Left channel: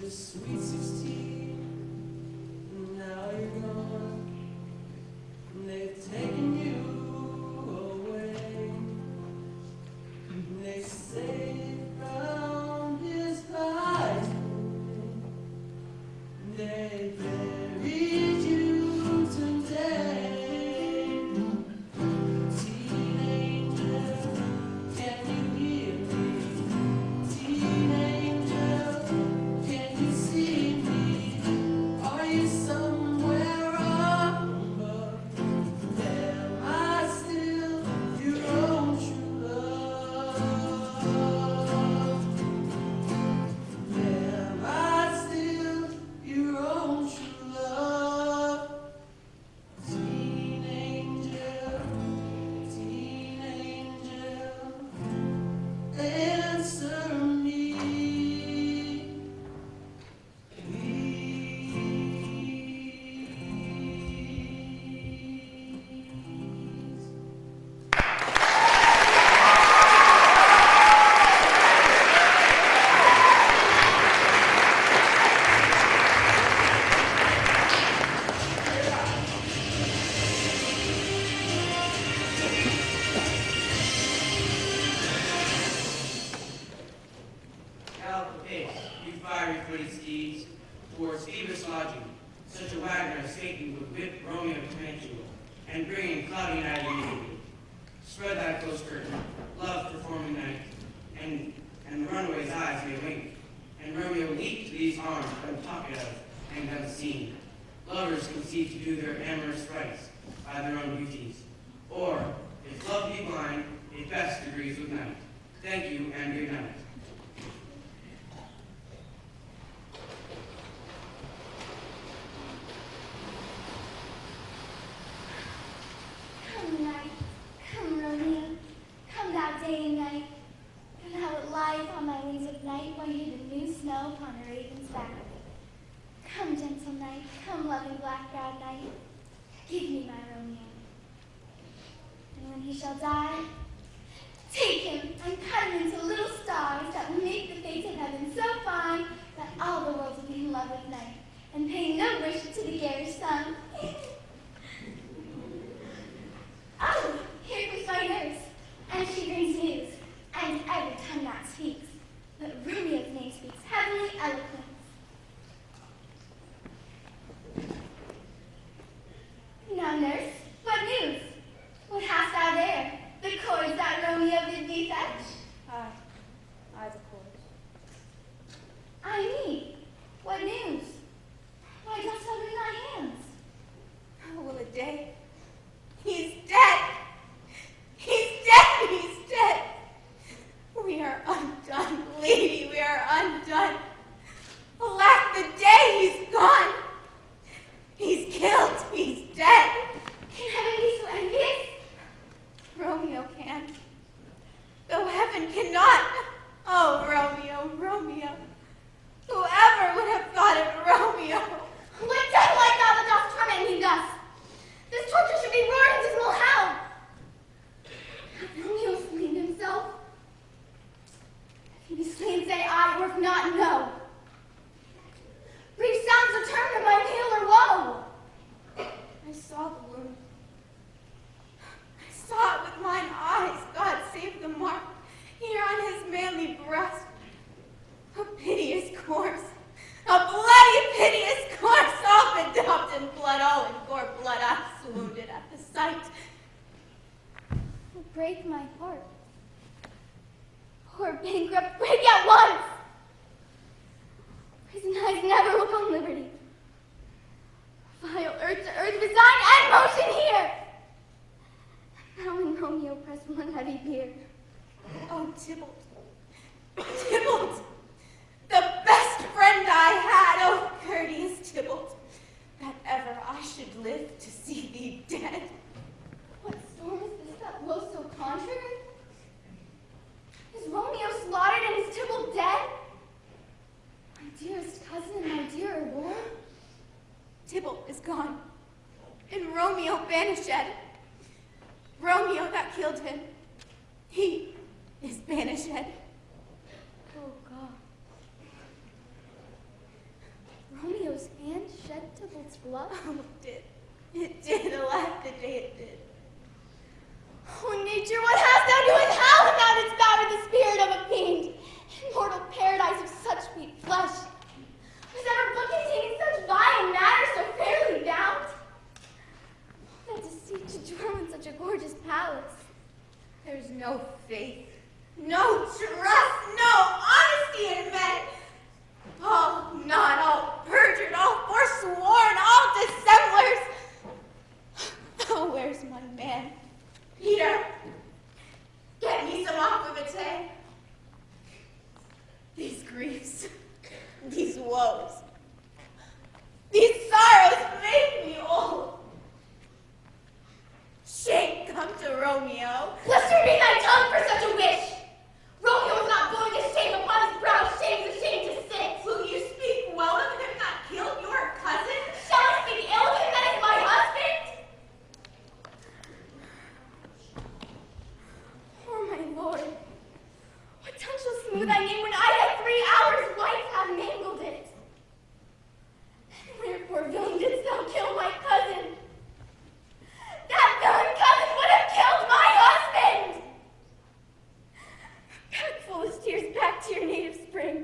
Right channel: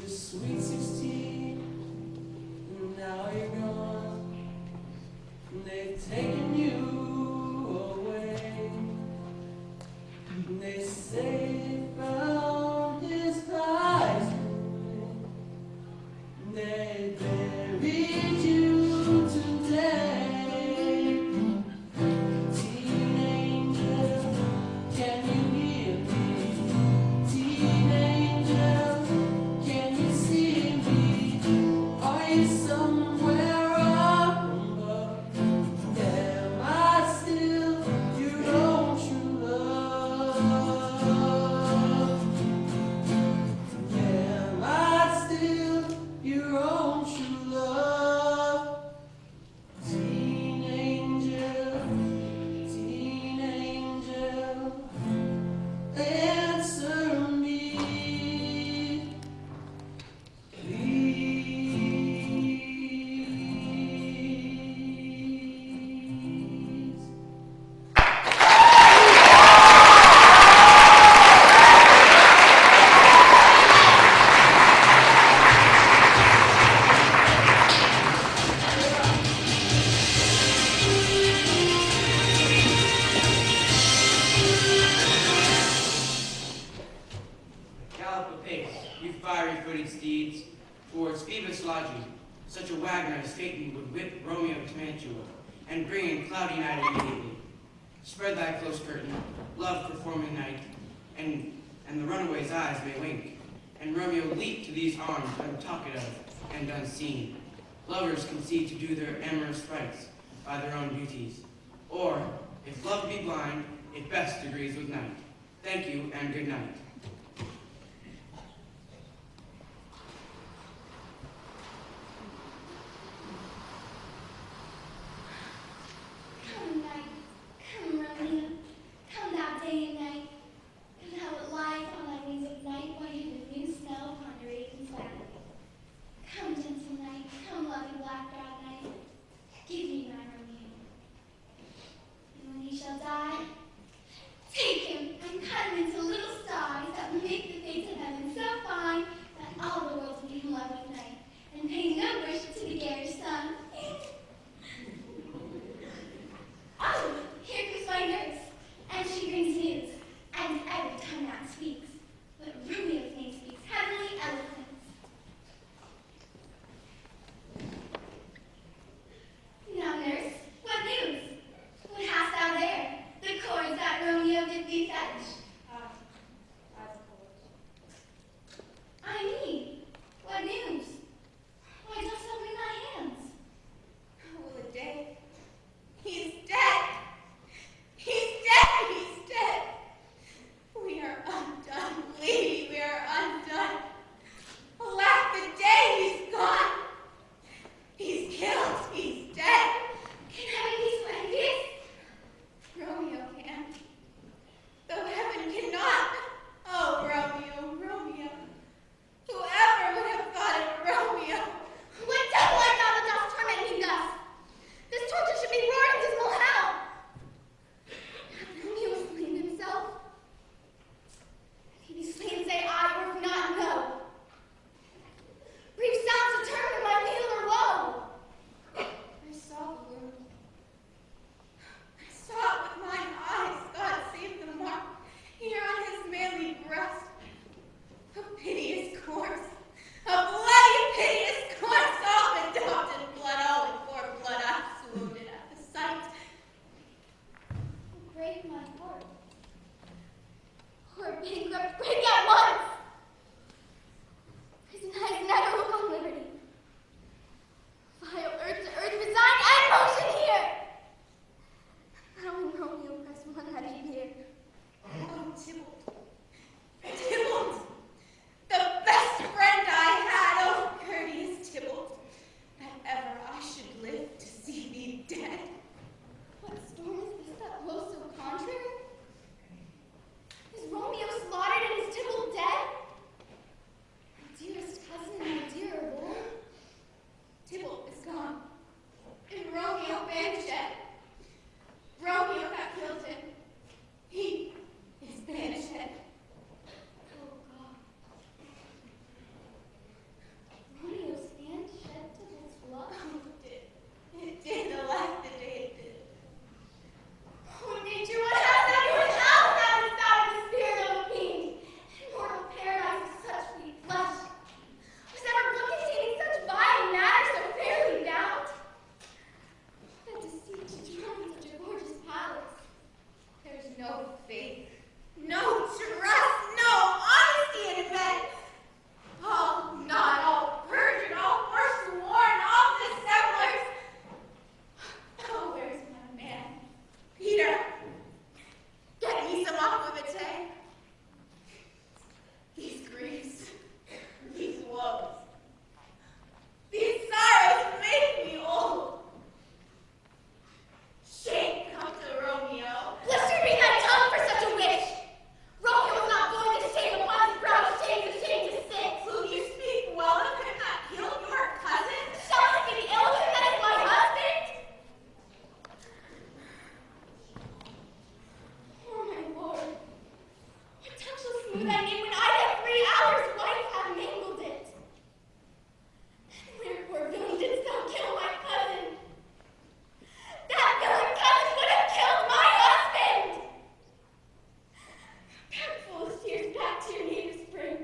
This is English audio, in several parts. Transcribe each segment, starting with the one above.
just sweet 16, and now you're gone. They've taken you away. They say they found his eyes. They buried you today. Teen angel, can you hear me? Teen angel, can you see me? Are you somewhere up above? Am I still your own true love? Am I still your own true love? Teen angel, answer me, please. Gallop apace, you fiery-footed steeds, towards Phoebus lodging. Such a wagoner escaping would whip Romeo to Mantua, and bring in cloudy night immediately. Spread thy close curtain, love performing night, and the runaway's eyes may wink, and Romeo leap to these arms untalked of and unseen. Lovers conceive to do their amorous rites by their own beauties, or, if love be blind, it best agrees with night. Thank you, and good night. Come night, come Romeo, come thou day and night, come thou that lies on thy wings of night while you the new snow upon the raven's back. Come gentle night, come loving black-browed night, give me my Romeo. And when he shall die, take him and cut him into little stars that make the face of heaven so fine that all the world will be in love with night, and pay no worship to the garish sun. Oh, here comes my nurse, and she brings news, and every tongue that speaks, but Romeo's name speaks heavenly eloquence. Now, nurse, what news? What hast thou there? The cords that Romeo did thee fetch? I suppose. I mean, what news? Why dost thou wring thy hands? Oh, the day. He's dead. He's dead. He's dead. We are undone, lady. We are undone. Alack, the day he's gone. He's killed. He's dead. Can heaven be so envious? Romeo can, though heaven cannot. Oh, Romeo, Romeo. Whoever would have thought of Romeo? What devil art thou that dost torment me thus? This torture should be roaring dismal hell. Hath Romeo slain himself? If he be slain, say I, or if not, no. Brief sounds determine my weal or woe. I saw the wound. I saw it with mine eyes. God save the mark here on his manly breast. A piteous corpse. A bloody, piteous corpse, all bedaubed in blood, all in gore blood. I swoonded at the sight. Will break my heart. Poor bankrupt, break at once. Prison eyes never look on liberty. Vile earth to earth, resign and motion here. Now when Romeo pressed one heavy bier. Oh, Tybalt. Tybalt. The best friend I had. Oh, courteous Tybalt. That ever I should live to see thee dead. What storm is this that blows so contrary? Is Romeo slaughtered and is Tybalt dead? Smooth I name when I had 3 hours, wife have mangled it. Wherefore, villain, didst thou kill my cousin? That villain cousin would have killed my husband! Back full of tears, back to your native spring.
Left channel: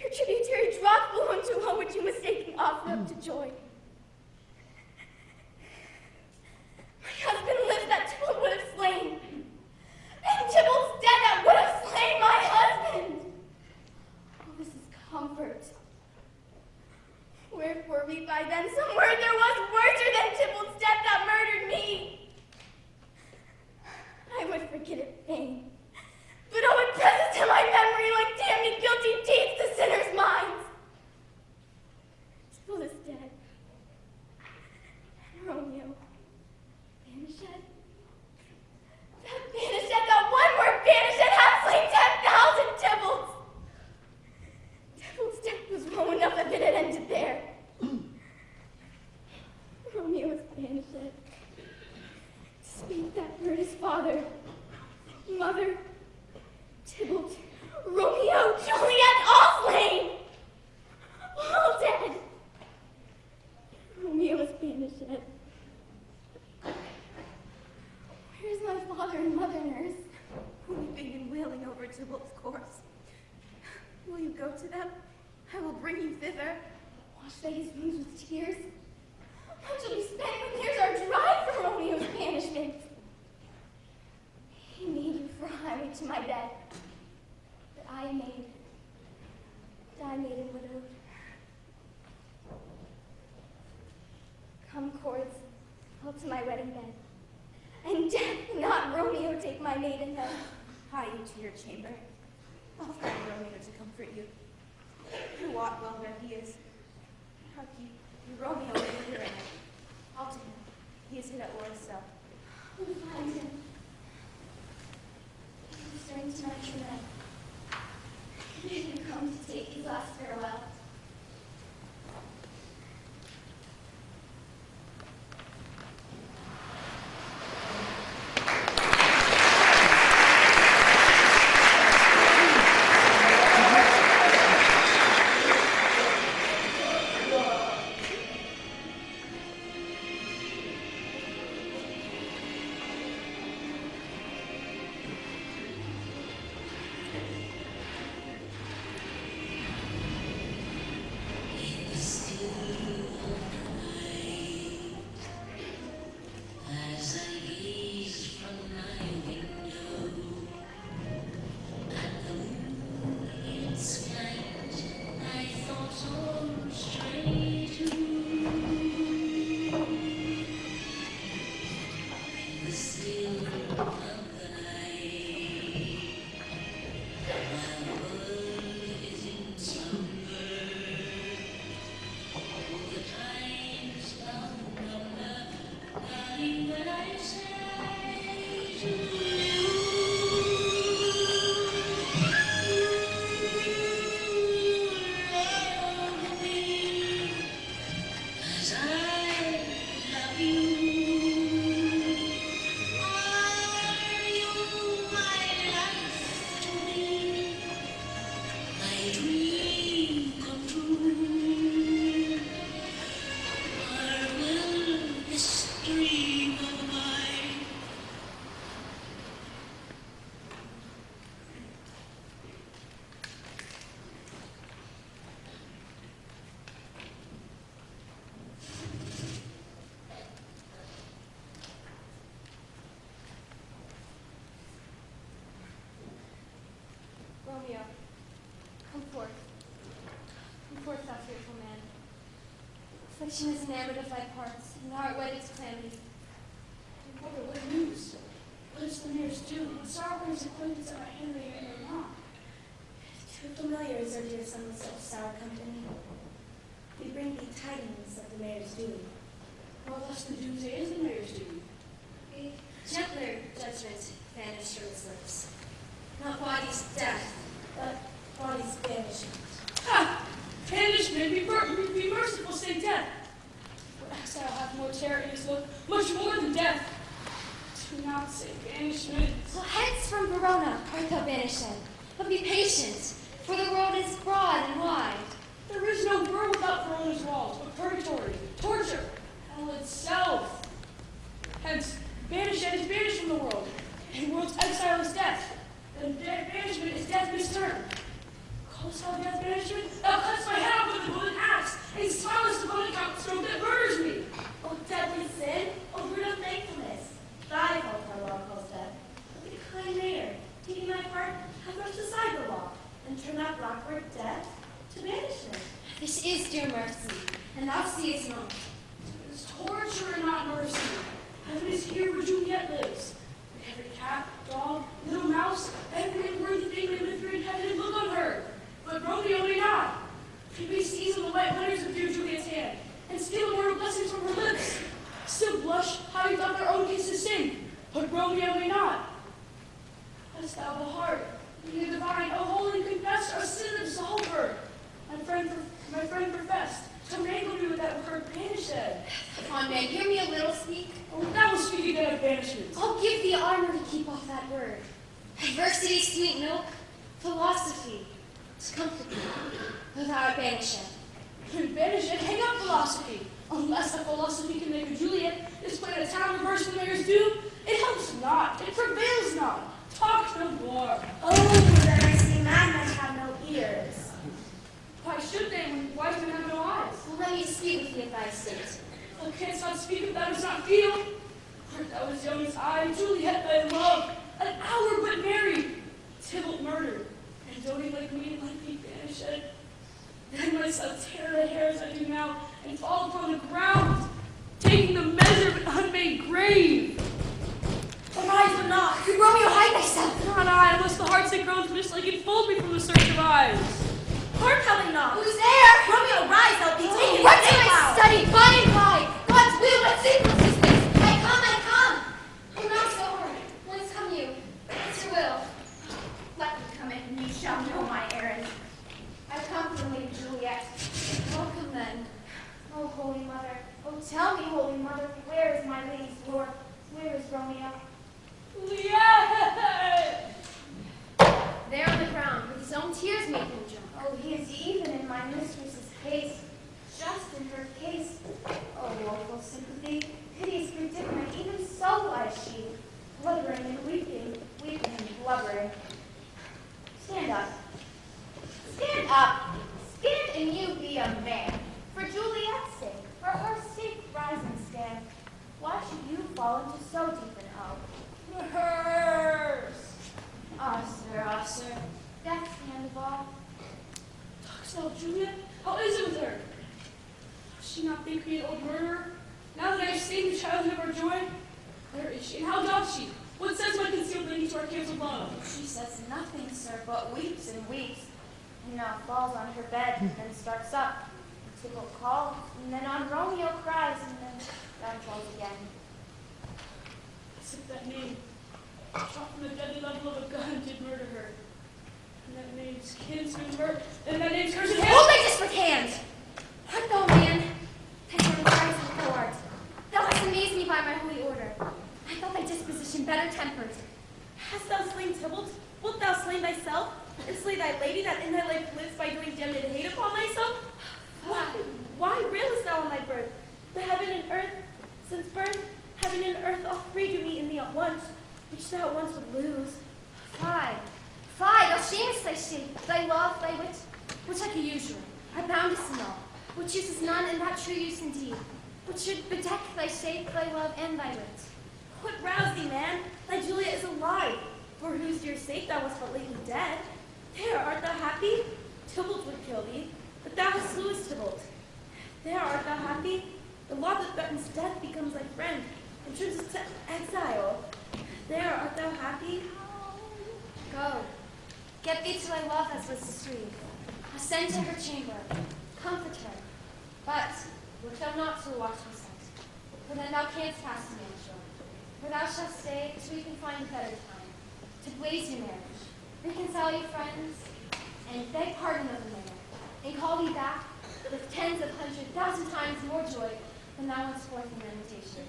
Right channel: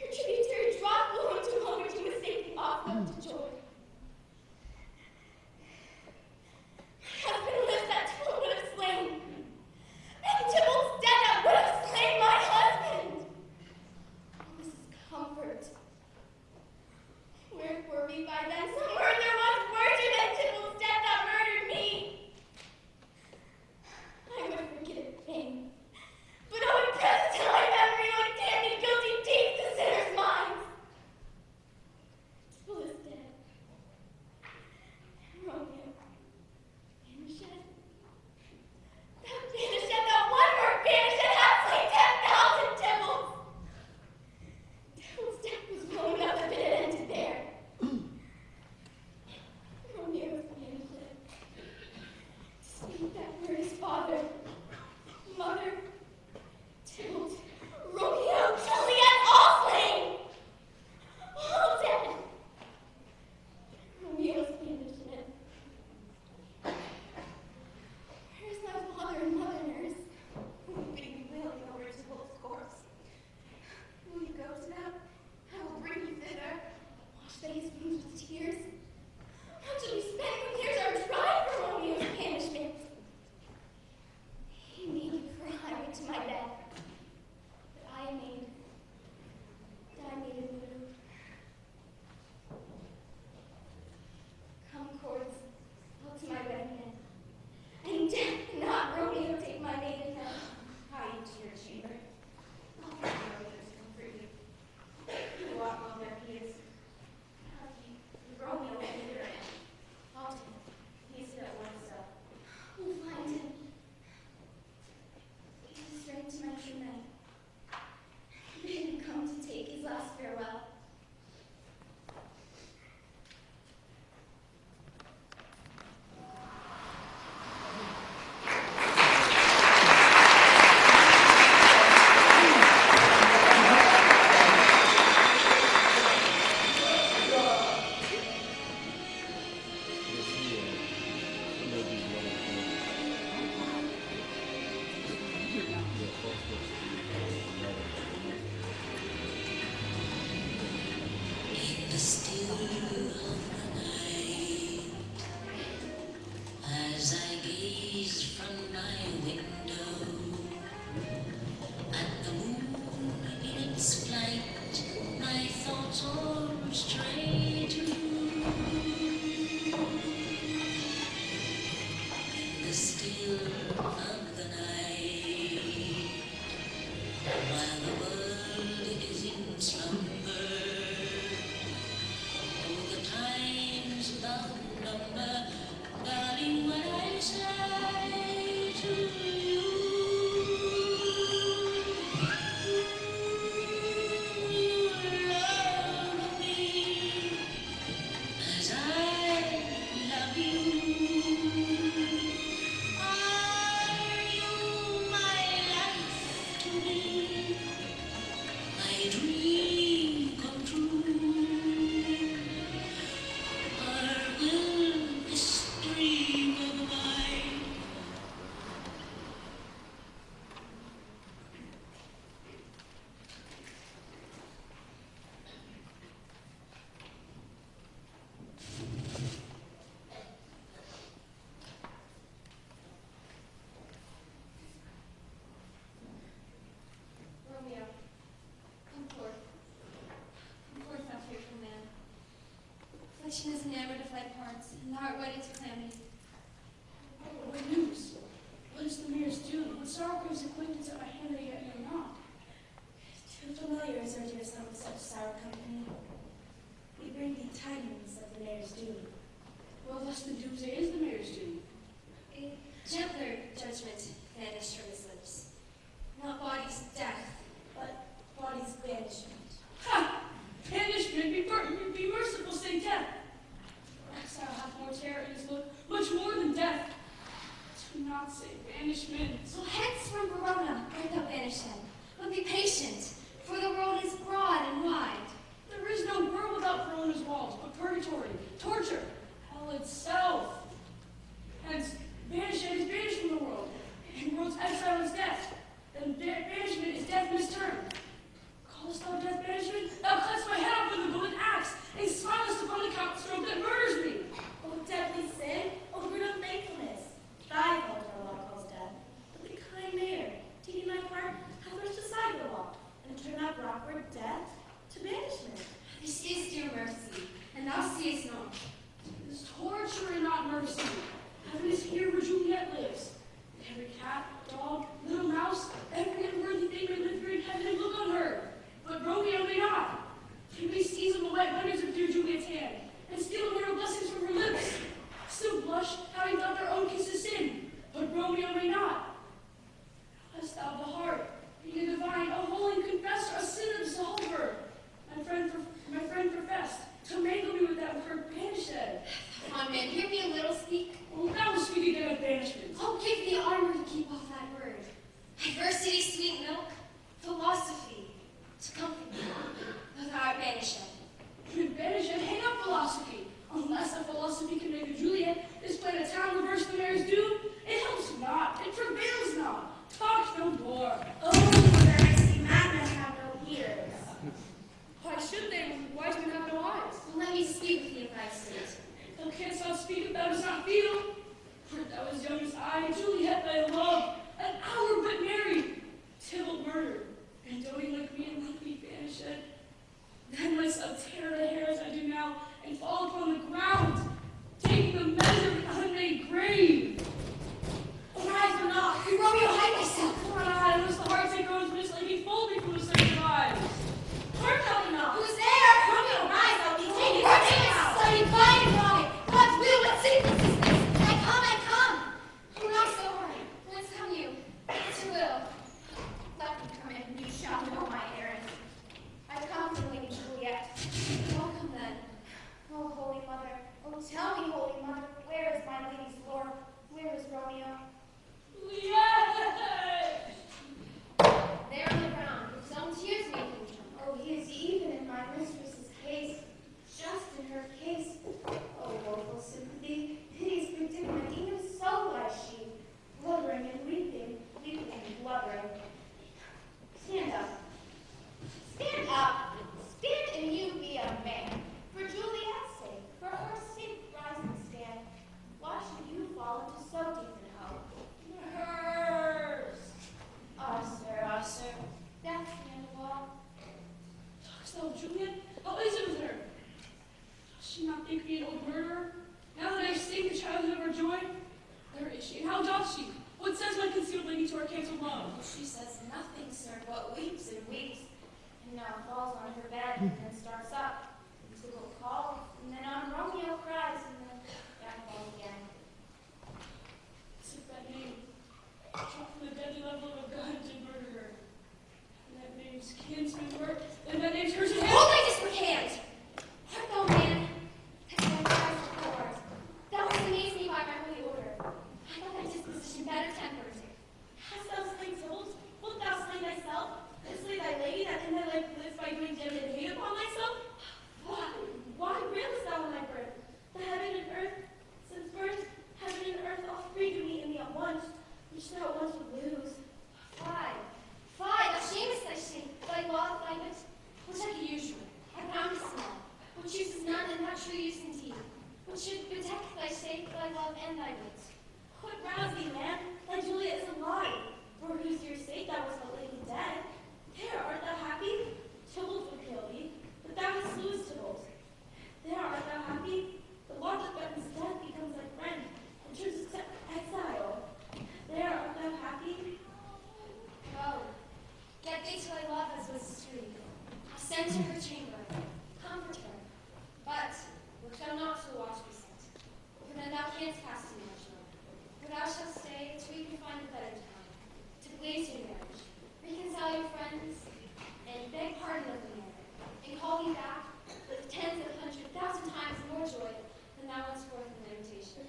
Your tributary drop flew into a home which you mistaken off-look to joy. My husband lives that Tybalt would have slain. And Tybalt's dead that would have slain my husband. Oh, this is comfort. Wherefore be by then some word there was worser than Tybalt's death that murdered me. I would forget it fain. But oh, it presses to my memory like damned and guilty deeds to sinners' minds. Tybalt is dead. And Romeo, banished. That banished, that one word banished, had slain 10,000 Tybalts. Tybalt's death was low enough if it had ended there. Romeo was banished. To speak that word his father, mother, Tybalt, Romeo, Juliet, all slain! All dead! Romeo was banished. Where is my father and mother, nurse? Weeping and wailing over Tybalt's corpse. Will you go to them? I will bring you thither. Wash they his wounds with tears. How shall we spend when years are dry for Romeo's banishment? He made you for a highway to my bed, but I am made a widow. Come, cords, all to my wedding bed, and death not Romeo take my maidenhead. Hie you to your chamber. I'll find Romeo to comfort you. You wot well where he is. Hark ye, Romeo is littering. I'll take him. He is hid at Orso. We'll find him. He is strength to match your men. Bid him come to take his last farewell. Affliction is enamored of thy parts, and the heart waiteth calamity. What news? What is the mayor's doing? What sorrow is acquaintance of Henry and your mom? Too familiar is our dear son with such sour company. We bring thee tidings of the mayor's doing. Well, thus the doomsday is the mayor's doing. A gentler judgment vanished from his lips. Not body's death, but body's banishment. Ha! Banishment, be merciful, say death. For exile hath more terror in his look, much more than death. Do not say banishment. So hence from Verona art thou banished, but be patient. or death to banishment. This is dear mercy, and thou seest not. It is torture and not mercy. Heaven is here where Juliet lives. Every cat, dog, little mouse, every unworthy thing may live here in heaven and look on her. But Romeo may not. He may seize on the wet letters of dear Juliet's hand and steal immortal blessings from her lips. Still blush how he thought their own kisses sin, but Romeo may not. Hast thou the heart, being a divine, a holy confessor, a sin absolver? My friend professed to mangle me with that word banished. Come on, man, hear me a little speak. Oh, thou will speak again of banishment. I'll give thee armor to keep off that word. Adversity, sweet milk, philosophy, to comfort thee, though thou art banished. Banished, hang up philosophy. Unless that philosophy can make a Juliet, this planet a town reverse the mayor's doom, it helps not, it prevails not. Talk no more. Oh, then I see madmen have no ears. Why should they when wise men have no eyes? Well, let me speak with thee of thy state. Thou canst not speak if thou dost not feel. For thou was young as I, Juliet thy love, an hour but married, Tybalt murdered, and doting like me and like thee banished. Then myself tear the hair as I do now, and fall upon the ground, taking the measure of an unmade grave. Arise but not. Romeo, hide thyself. Not I, unless the heart's that groans mist-like enfold me from the search of eyes. Heart telling not. Who's there? Romeo, rise, I'll be taken. What's in my study? By and by. God's will, what secrets is this? I come. Who knocks over? Whence come you? What's your will? Let me come in, and you shall know my errand. I've come from Lady Juliet. Welcome then. Oh, Holy Mother, oh, tell me, Holy Mother, where is my lady's lord? Where is Romeo? Juliet! There on the ground, with his own tears made him jump. Oh, he is even in my mistress's case, just in her case. Oh, woeful sympathy, piteous predicament, even so lies she, blubbering and weeping and blubbering. Stand up. Stand up. Stand and you be a man. For Juliet's sake, for her sake, rise and stand. Why should you fall into so deep an oath? Hers! Ah, sir, death's the end of all. So, Juliet, how is it with her? Does she not think me an old murderer? Now that I have stained the childhood of our joy, where is she? How doth she? What says my concealed lady to our cancelled love? She says nothing, sir, but weeps and weeps, and now falls on her bed, and then starts up. Tybalt calls, and then on Romeo cries, and then that falls again. As if that name, shot from the deadly level of a gun, did murder her. And that name's kinsman her, and that name's hers. Hold thy desperate hand! Art thou a man? That thou cries and thou art. Thou hast amazed me by my holy order. I thought thy disposition better tempered. Hast thou slain Tybalt? Wilt thou slay thyself, and slay thy lady that in thy life lives by doing damned hate upon thyself? Why railest thou on thy birth? The heaven and earth, since birth, heaven and earth all free to meet in thee at once, which thou at once would lose. Fie, thou shamest thy shape, thy law, thy wit, which like a usurer, I bound to small, which uses none, and that true use indeed, which should bedeck thy shape, thy love, and thy wit. What rouse thee, man? Thy Juliet is alive, for whose dear sake thou wast but lately dead. There, art thou happy? Tybalt would kill thee, but thou hast slewest Tybalt. There, art thou happy? The law that threatens death becomes thy friend, and turns us to exile. There, art thou happy? Go, get thee to thy love as was sweet. Ascend to her chamber, comfort her. But look thou not to the watch be set, for then thou canst pass me on shore. For thou shalt stay till we can find a better time, to blaze your marriage, reconcile your friends, and beg pardon of the mayor, and call thee back with tens of 100,000 times more joy than thou wast forth in lamentation.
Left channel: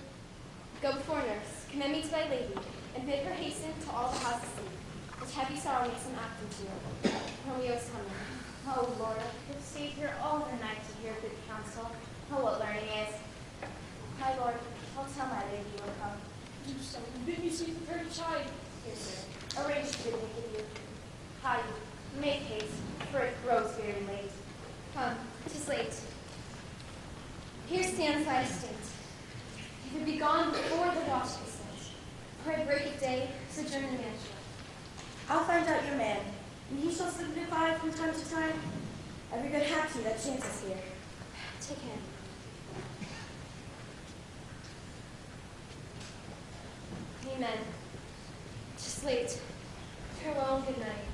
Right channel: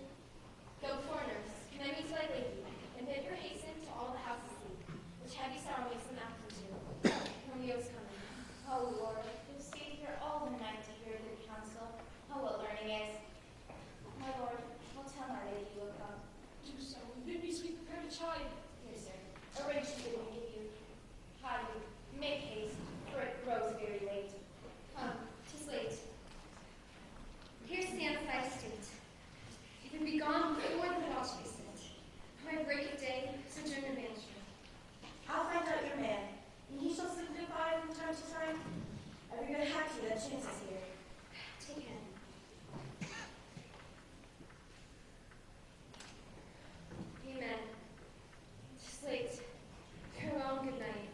Go before nurse, commend me to thy lady, and bid her hasten to all the houses sleep, which heavy sorrow makes them active to. Romeo is coming. Oh, Lord, give Savior all the night to hear good counsel. Oh, what learning is. My Lord, I'll tell my lady you will come. Do so, and bid me sleep prepared to chide. Here, sir. Arrange to bid me you. Hide. taxi that chances here. Take him. Amen. Just late. Farewell and good night.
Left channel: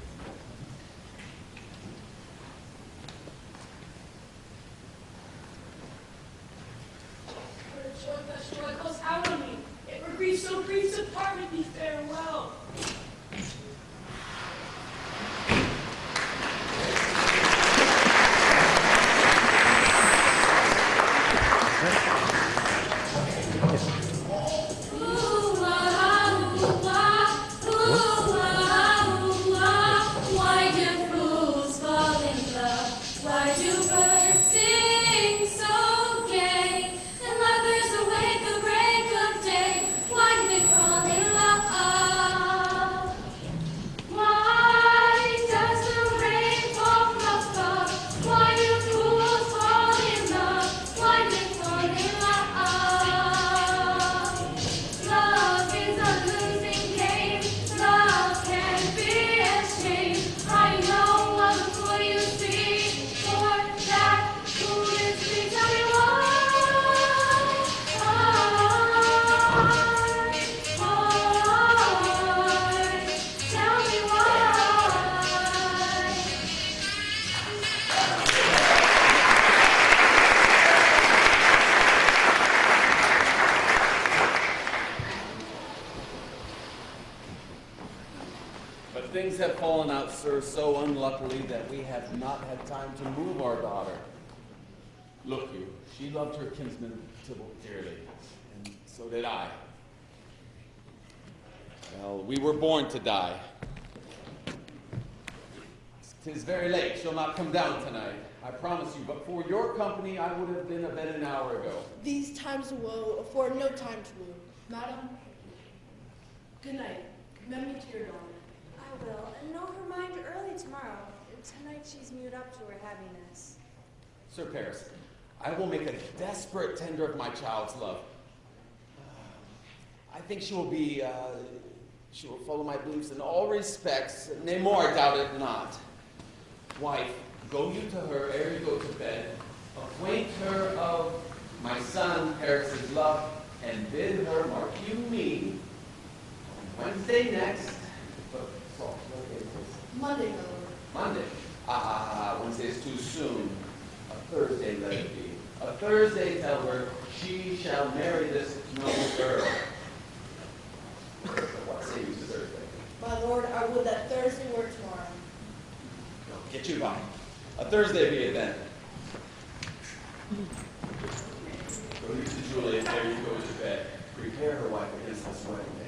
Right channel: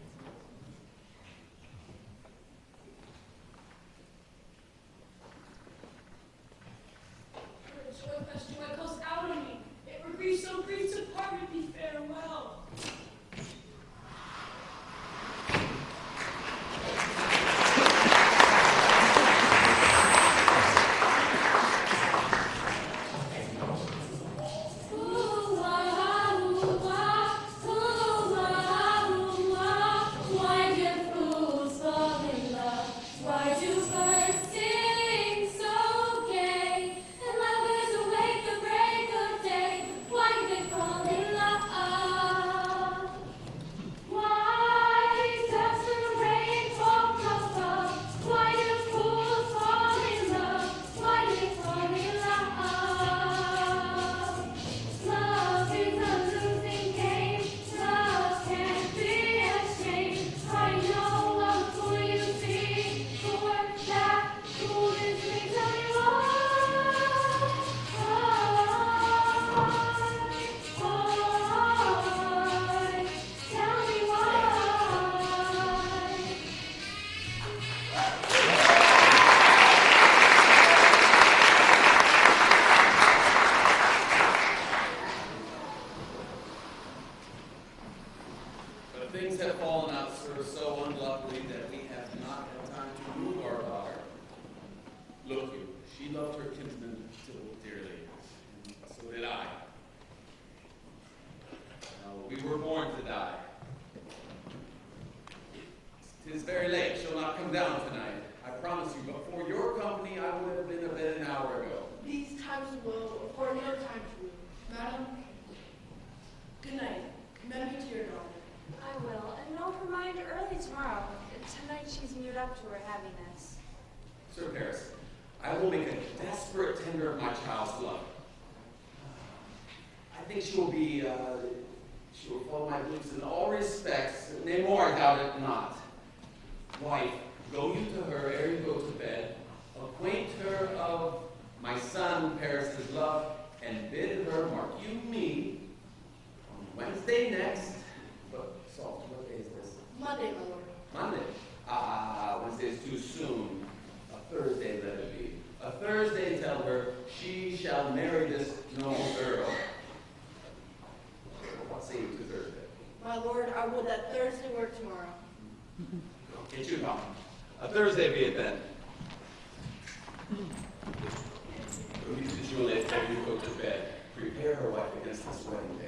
For the joy that joy calls out on me. It were grief so grief to part with me farewell. Why do fools fall in love? Why do birds sing so gay? And lovers awake the break of day. Why do they fall in love? Why does the rain fall from above? Why do fools fall in love? Why do they fall in love? Love is a losing game. Love can't be ashamed. I know of a fool you see. For that foolish thing, tell me why. Tell me why. But things have fallen out, sir, so unluckily that we have not had time to move our daughter. Look you, she loved her kinsman Tybalt dearly, and so did I. Well, we were born to die. 'Tis very late, she'll not come down tonight. I promise you, but for your company, I would have been abed an hour ago. These times of woe afford no time to woo. Madam, good night. Commend me to your daughter. I will, and know her mind early tomorrow. Tonight she's moved up to her happiness. Sir Paris, I will make a desperate tender of my child's love. I think she will follow my beliefs in all respects. Nay, more, I doubt it not. Wife, go you to her ere you go to bed. Acquaint her of my son Paris's love, and bid her mark you me on Wednesday next. But, so, what day is this? Monday, my lord. Monday. Wednesday is too soon. A Thursday let it be. A Thursday tell her she shall marry this noble girl. What say you to Thursday? My lord, I would that Thursday were tomorrow. Get you by. A Thursday be it then. Go you to Juliet ere you go to bed. Prepare her wife against this wedding day.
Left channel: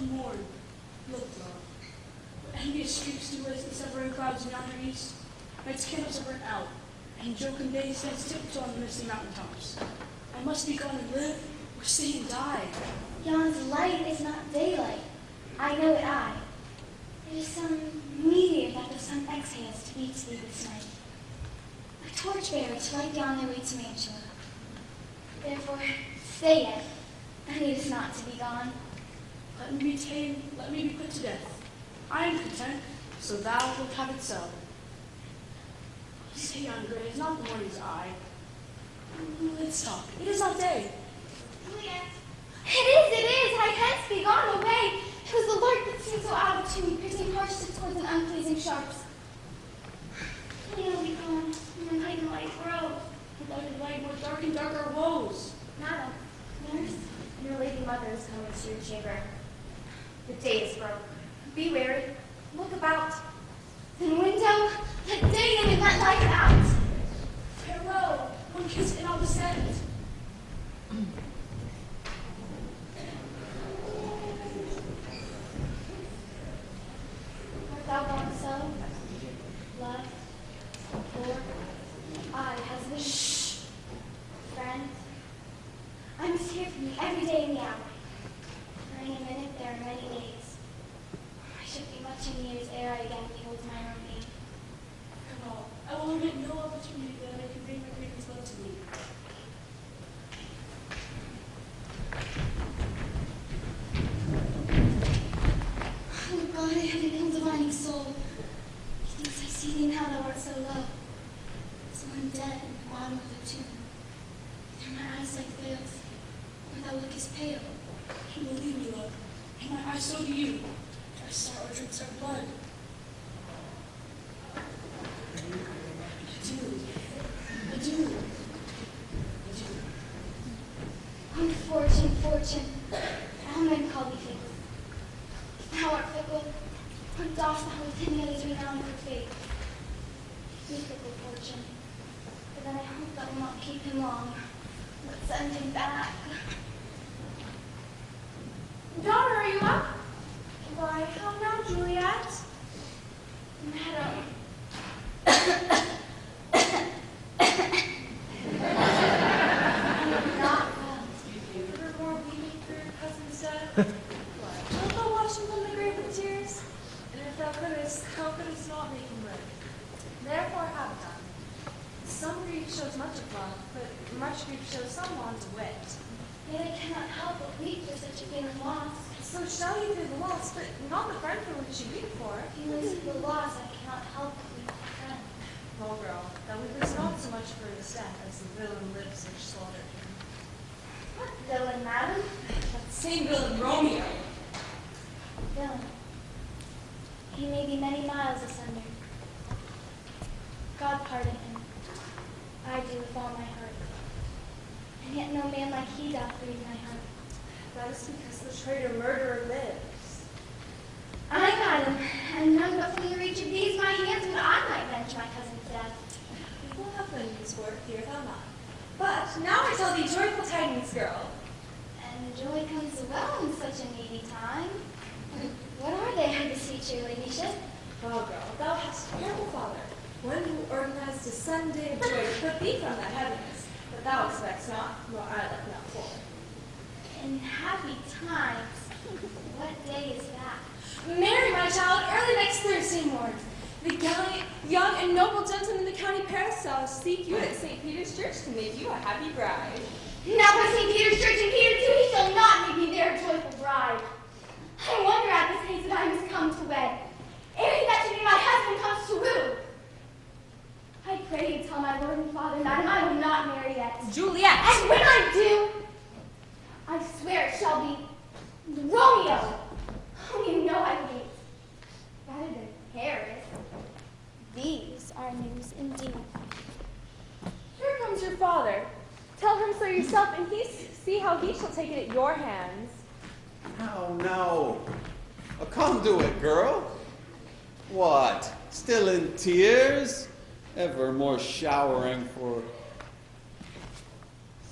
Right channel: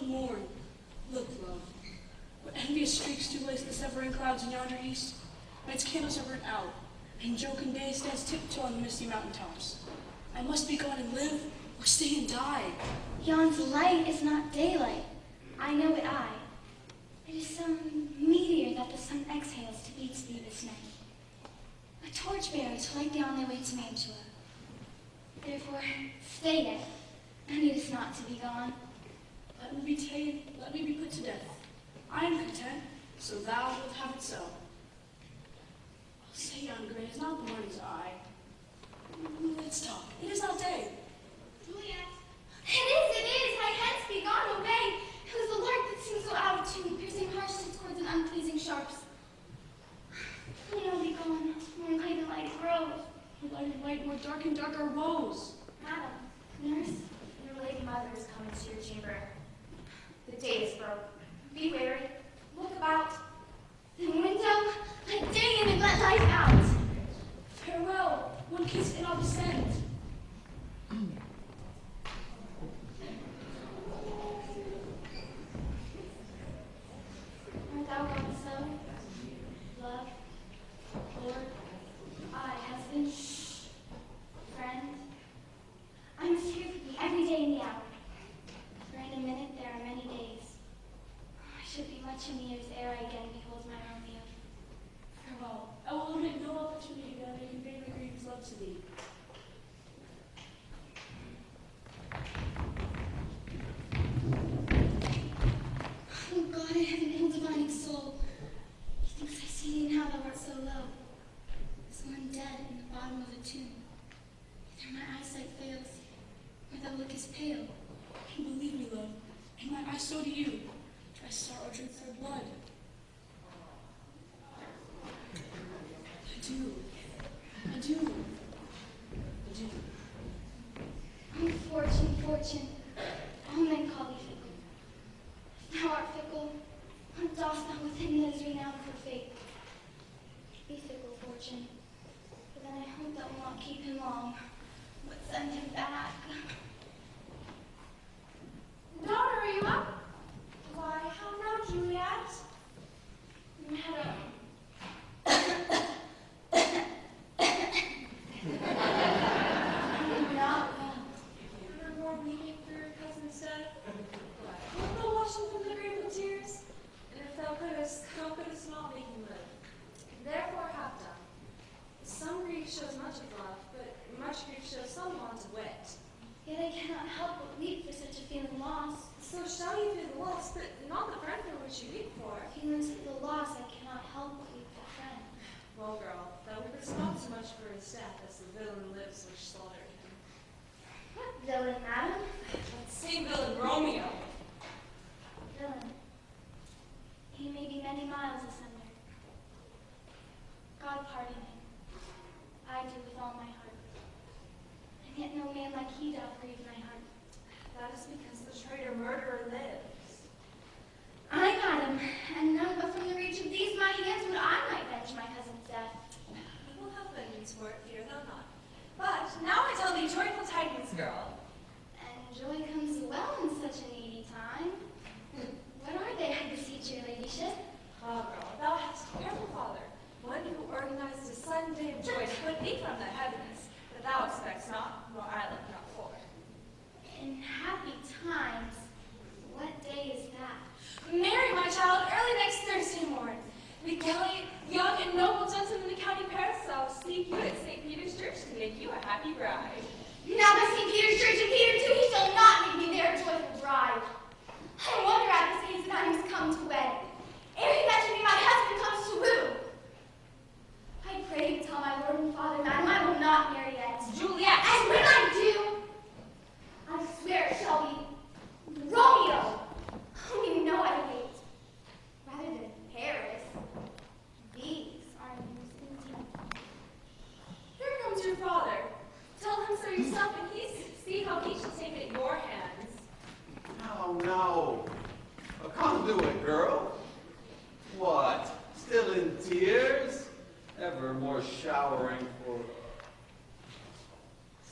to mourn. Look, love. What envious streaks do raise the severing clouds in yonder east? Night's candles are burnt out, and jocund day stands tiptoe on the misty mountain tops. I must be gone and live, or stay and die. Yon's light is not daylight. I know it I. It is some meteor that the sun exhales to beat thee this night. A torchbearer to light thee on thy way to Mantua. Therefore, stay yet, and needest not to be gone. Let me be tamed, let me be put to death. I am content, so thou wilt have it so. Say yon gray is not the morning's eye. Let's talk. It is not day. Juliet. It is, I hence be gone away. It was the lark that seemed so out of tune, piercing harsh discords and unpleasing sharps. I'll be gone, and light and light grow. Light, more dark and dark our woes. Madam, nurse, Your lady mother is coming to your chamber. The day is broke. Be wary. Look about. the window, let day in and let light out. Farewell, one kiss and I'll descend. Art thou gone so? Love, Lord, I, husband, friend, I must hear from thee every day in the hour. For in a minute there are many days. I should be much in years ere I again behold my Romeo. Farewell, I will omit no opportunity that I can bring my greatest love to thee. Oh God, I have an ill-divining soul. Methinks I see thee now thou art so low. So I'm dead in the bottom of the tomb. Either my eyesight fails, or thou lookest pale. You believe me, love, and my eyes so do you. Thy sorrow drinks our blood. Adieu. Adieu. Adieu. Unfortune, fortune, all men call thee faith. Thou art fickle, what dost thou within the others renown for fate? Be fickle, fortune, but then I hope that will not keep him long, but send him back. Daughter, are you up? Why, how now, Juliet? Madam, I'm not well. Ever more weeping for your cousin's death? Wilt thou wash him from the grave with tears? And if thou couldst not make him live. Therefore have done. Some grief shows much of love, but much grief shows some want of wit. Yet I cannot help but weep for such a feeling loss. So shall you through the loss, but not the friend for which you weep for. Feelings of the loss I cannot help but weep for friend. Well, girl, thou weepest not so much for his death as the villain lives which slaughtered him. What villain, madam? That same villain Romeo. Villain. He may be many miles asunder. God pardon him. I do with all my heart. And yet no man like he doth breathe my heart. That is because the traitor murderer lives. Aye, madam, and none but from the reach of these my hands would I might venge my cousin's death. We will have enemies for it, fear thou not. But now I tell thee joyful tidings, girl. And joy comes well in such a needy time. What are they, I beseech your ladyship? Well, girl, thou hast a terrible father, one who organized a Sunday of joy to put thee from that heaviness, but thou expects not, nor I like not for. In happy times. What day is that? Marry, my child, early next Thursday morn. The gallant, young, and noble gentleman of the county Paris shall seek you at St. Peter's Church to make you a happy bride. Now by St. Peter's Church and Peter too, he shall not make me their joyful bride. I wonder at this haste that I must come to wed, ere he that should be my husband comes to woo. I pray you tell my lord and father, madam, I will not marry yet. Juliet! And when I do, I swear it shall be Romeo, whom you know I hate, rather than Paris. These are news indeed. Here comes your father. Tell him so yourself, and see how he shall take it at your hands. No. Oh, come do it, girl. What? Still in tears? Ever more showering for...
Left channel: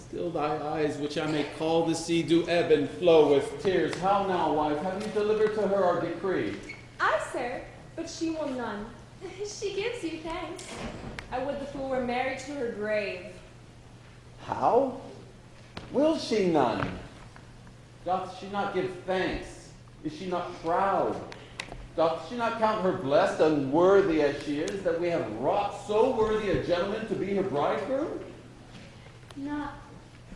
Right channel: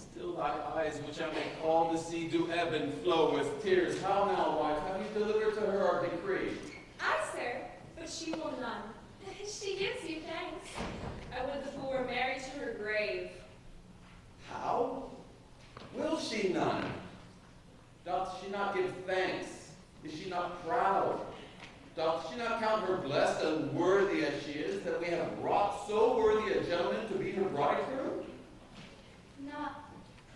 Still thy eyes, which I may call the sea, do ebb and flow with tears. How now, wife, have you delivered to her our decree? Aye, sir, but she will none. She gives you thanks. I would the fool were married to her grave. How? Will she none? Doth she not give thanks? Is she not proud? Doth she not count her blessed, unworthy as she is, that we have wrought so worthy a gentleman to be her bridegroom? Not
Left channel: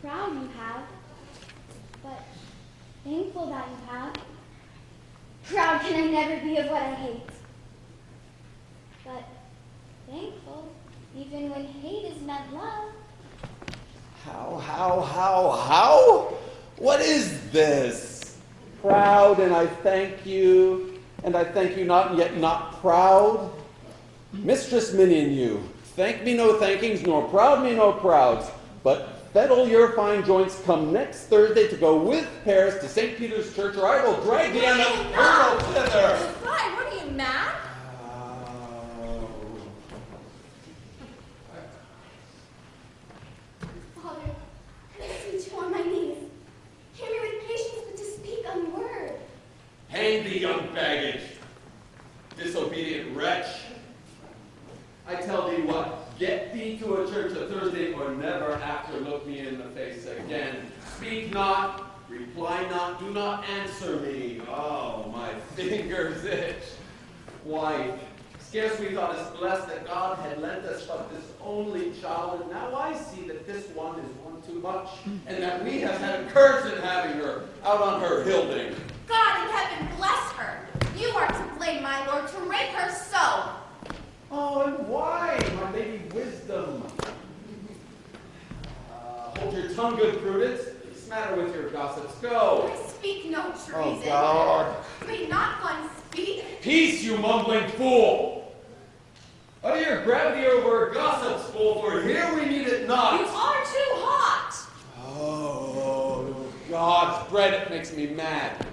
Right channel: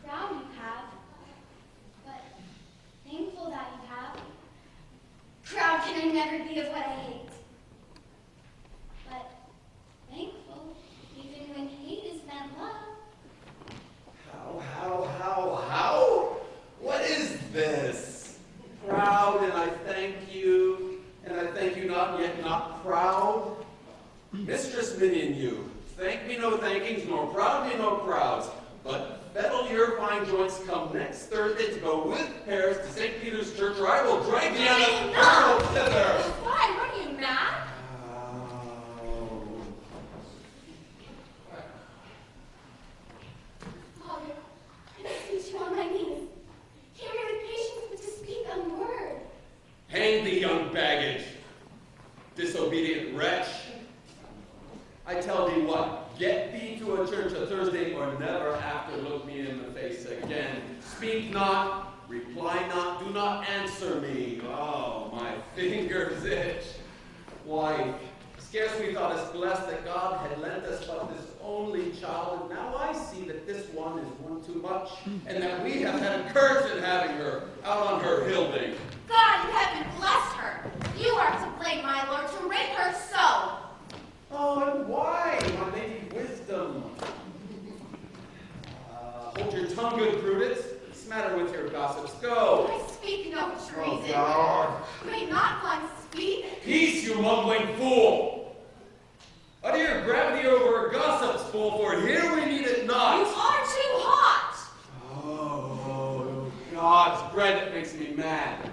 proud you have, but thankful that you have. Proud can I never be of what I hate, but thankful even when hate is not love. How? What is this? Proud, and I thank you, and I thank you not, and yet not proud? Mistress minion you, thank me no thankings, nor proud me no prouds, but fettle your fine joints, come next Thursday to go with Paris to St. Peter's Church, or I will drag thee on a hurdle thither. Why, what are you, mad? Father, I ask you to on my knees. Hear me with patience, but to speak a word. Hang thee, young baggage, disobedient wretch. I tell thee what, get thee to a church a Thursday, or never after look me in the face again. Speak not, reply not, do not answer me. Oh, my fingers itch. Wife, scarce we thought us blessed that God had lent us but this only child, and now I see that this one is one too much, and that we have had a curse in having her out on her hilding. God in heaven bless her. You are to blame, my lord, to rape her so. Oh, and why, my lady wisdom? Hold your tongue, good Prudence. What's the matter with your gossips? Go. I speak no treason. Oh, God. May not one speak? Peace, you mumbling fool! Utter your gravity over a gossip's fool, for here we need it not. You are too hot. Oh, God's bread, it makes me mad.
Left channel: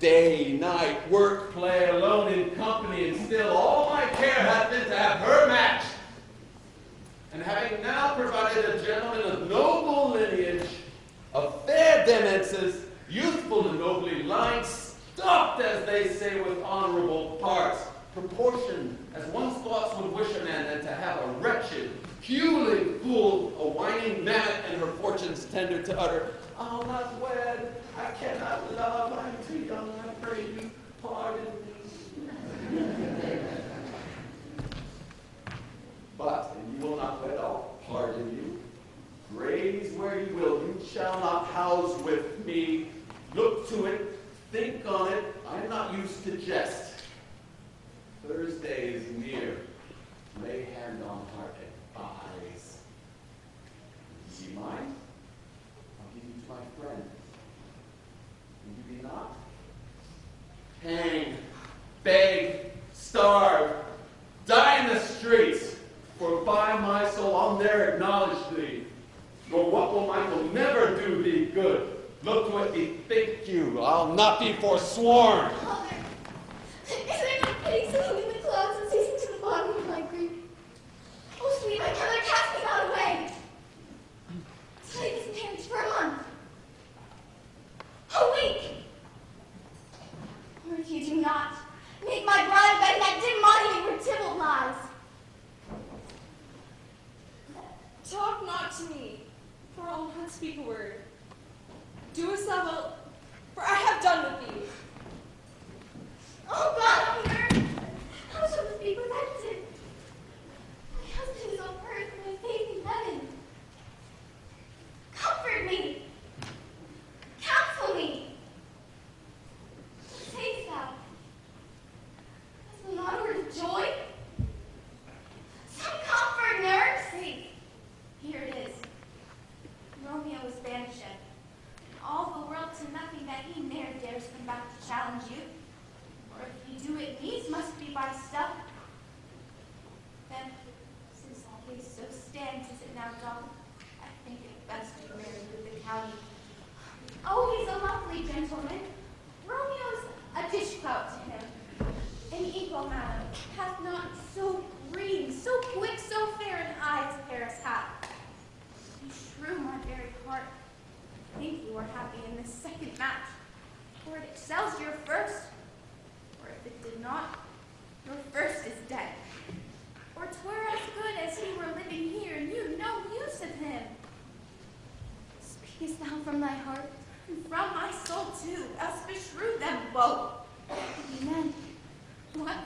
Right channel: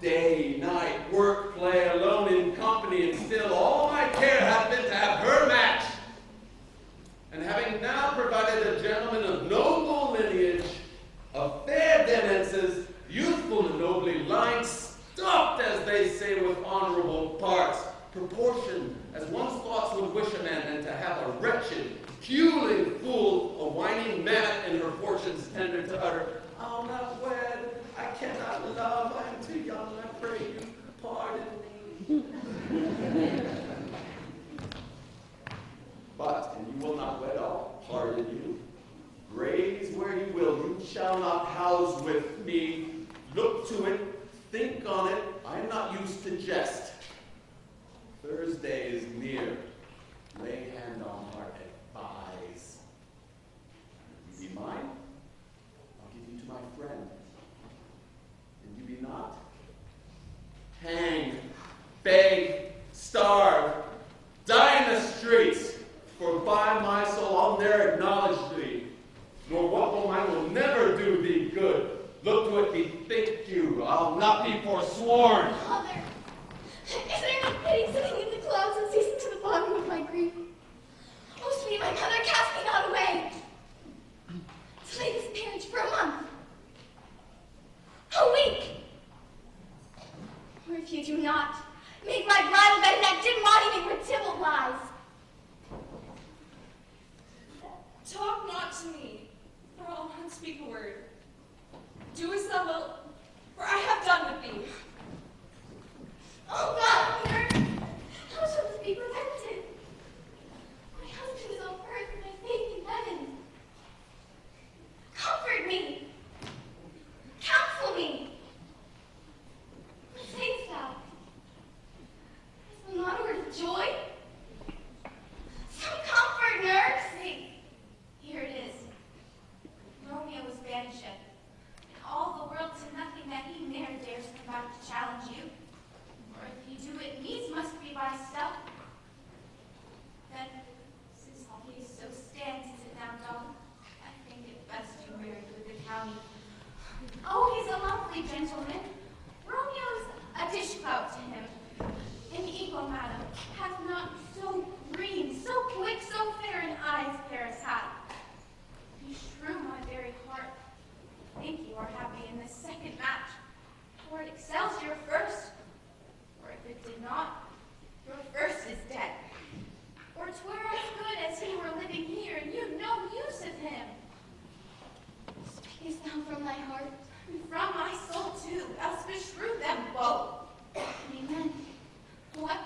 Day, night, work, play, alone in company, and still all my care hath been to have her match. And having now provided a gentleman of noble lineage, of fair denances, youthful and nobly lined, stocked, as they say, with honorable parts, proportioned as one's thoughts would wish a man, than to have a wretched, puling fool, a whining mammoth, and her fortunes tender to utter, I'll not wed, I cannot love, I am too young, I pray you, pardon me. But, and you will not wed, I'll pardon you. Graze where you will, you shall not house with me. Look to it, think on it, I am not used to jest. Thursday is near. Lay hand on heart, advise. You be mine? I'll give you to my friend. And you be not? Hang, beg, starve, die in the streets, for by my soul I'll ne'er acknowledge thee, nor what will mine will never do thee good. Look to it, bethink you, I'll not be forsworn. Father, is there no pity sitting in the clouds and ceasing to the bottom of my grief? Oh, sweet my mother, cast me not away. Delay this marriage for a month. A week. Or if you do not, make my bride bed that dim monument where Tybalt lies. Talk not to me, for I'll not speak a word. Do as thou wilt, for I have done with thee. Oh God, on earth, how shall this be prevented? My husband is on earth and my faith in heaven. Comfort me. Counsel me. What sayest thou? Hast thou not a word of joy? Some comfort, nurse. See, here it is. Romeo was banished. All the world to nothing that he ne'er dares come back to challenge you. Or if you do it needs must be by stuff. Then, since all case so stands, is it now done? I think it best to be married with the county. Oh, he's a lovely gentleman. Romeo's a dishclout to him. An equal, madam, hath not so green, so quick, so fair an eye as Paris hath. He shrew my very heart sells your first, or if it did not, your first is dead. Or 'twere as good as he were living here, and you'd no use of him. Speakest thou from thy heart? And from my soul too, else beshrew them both. Amen. What?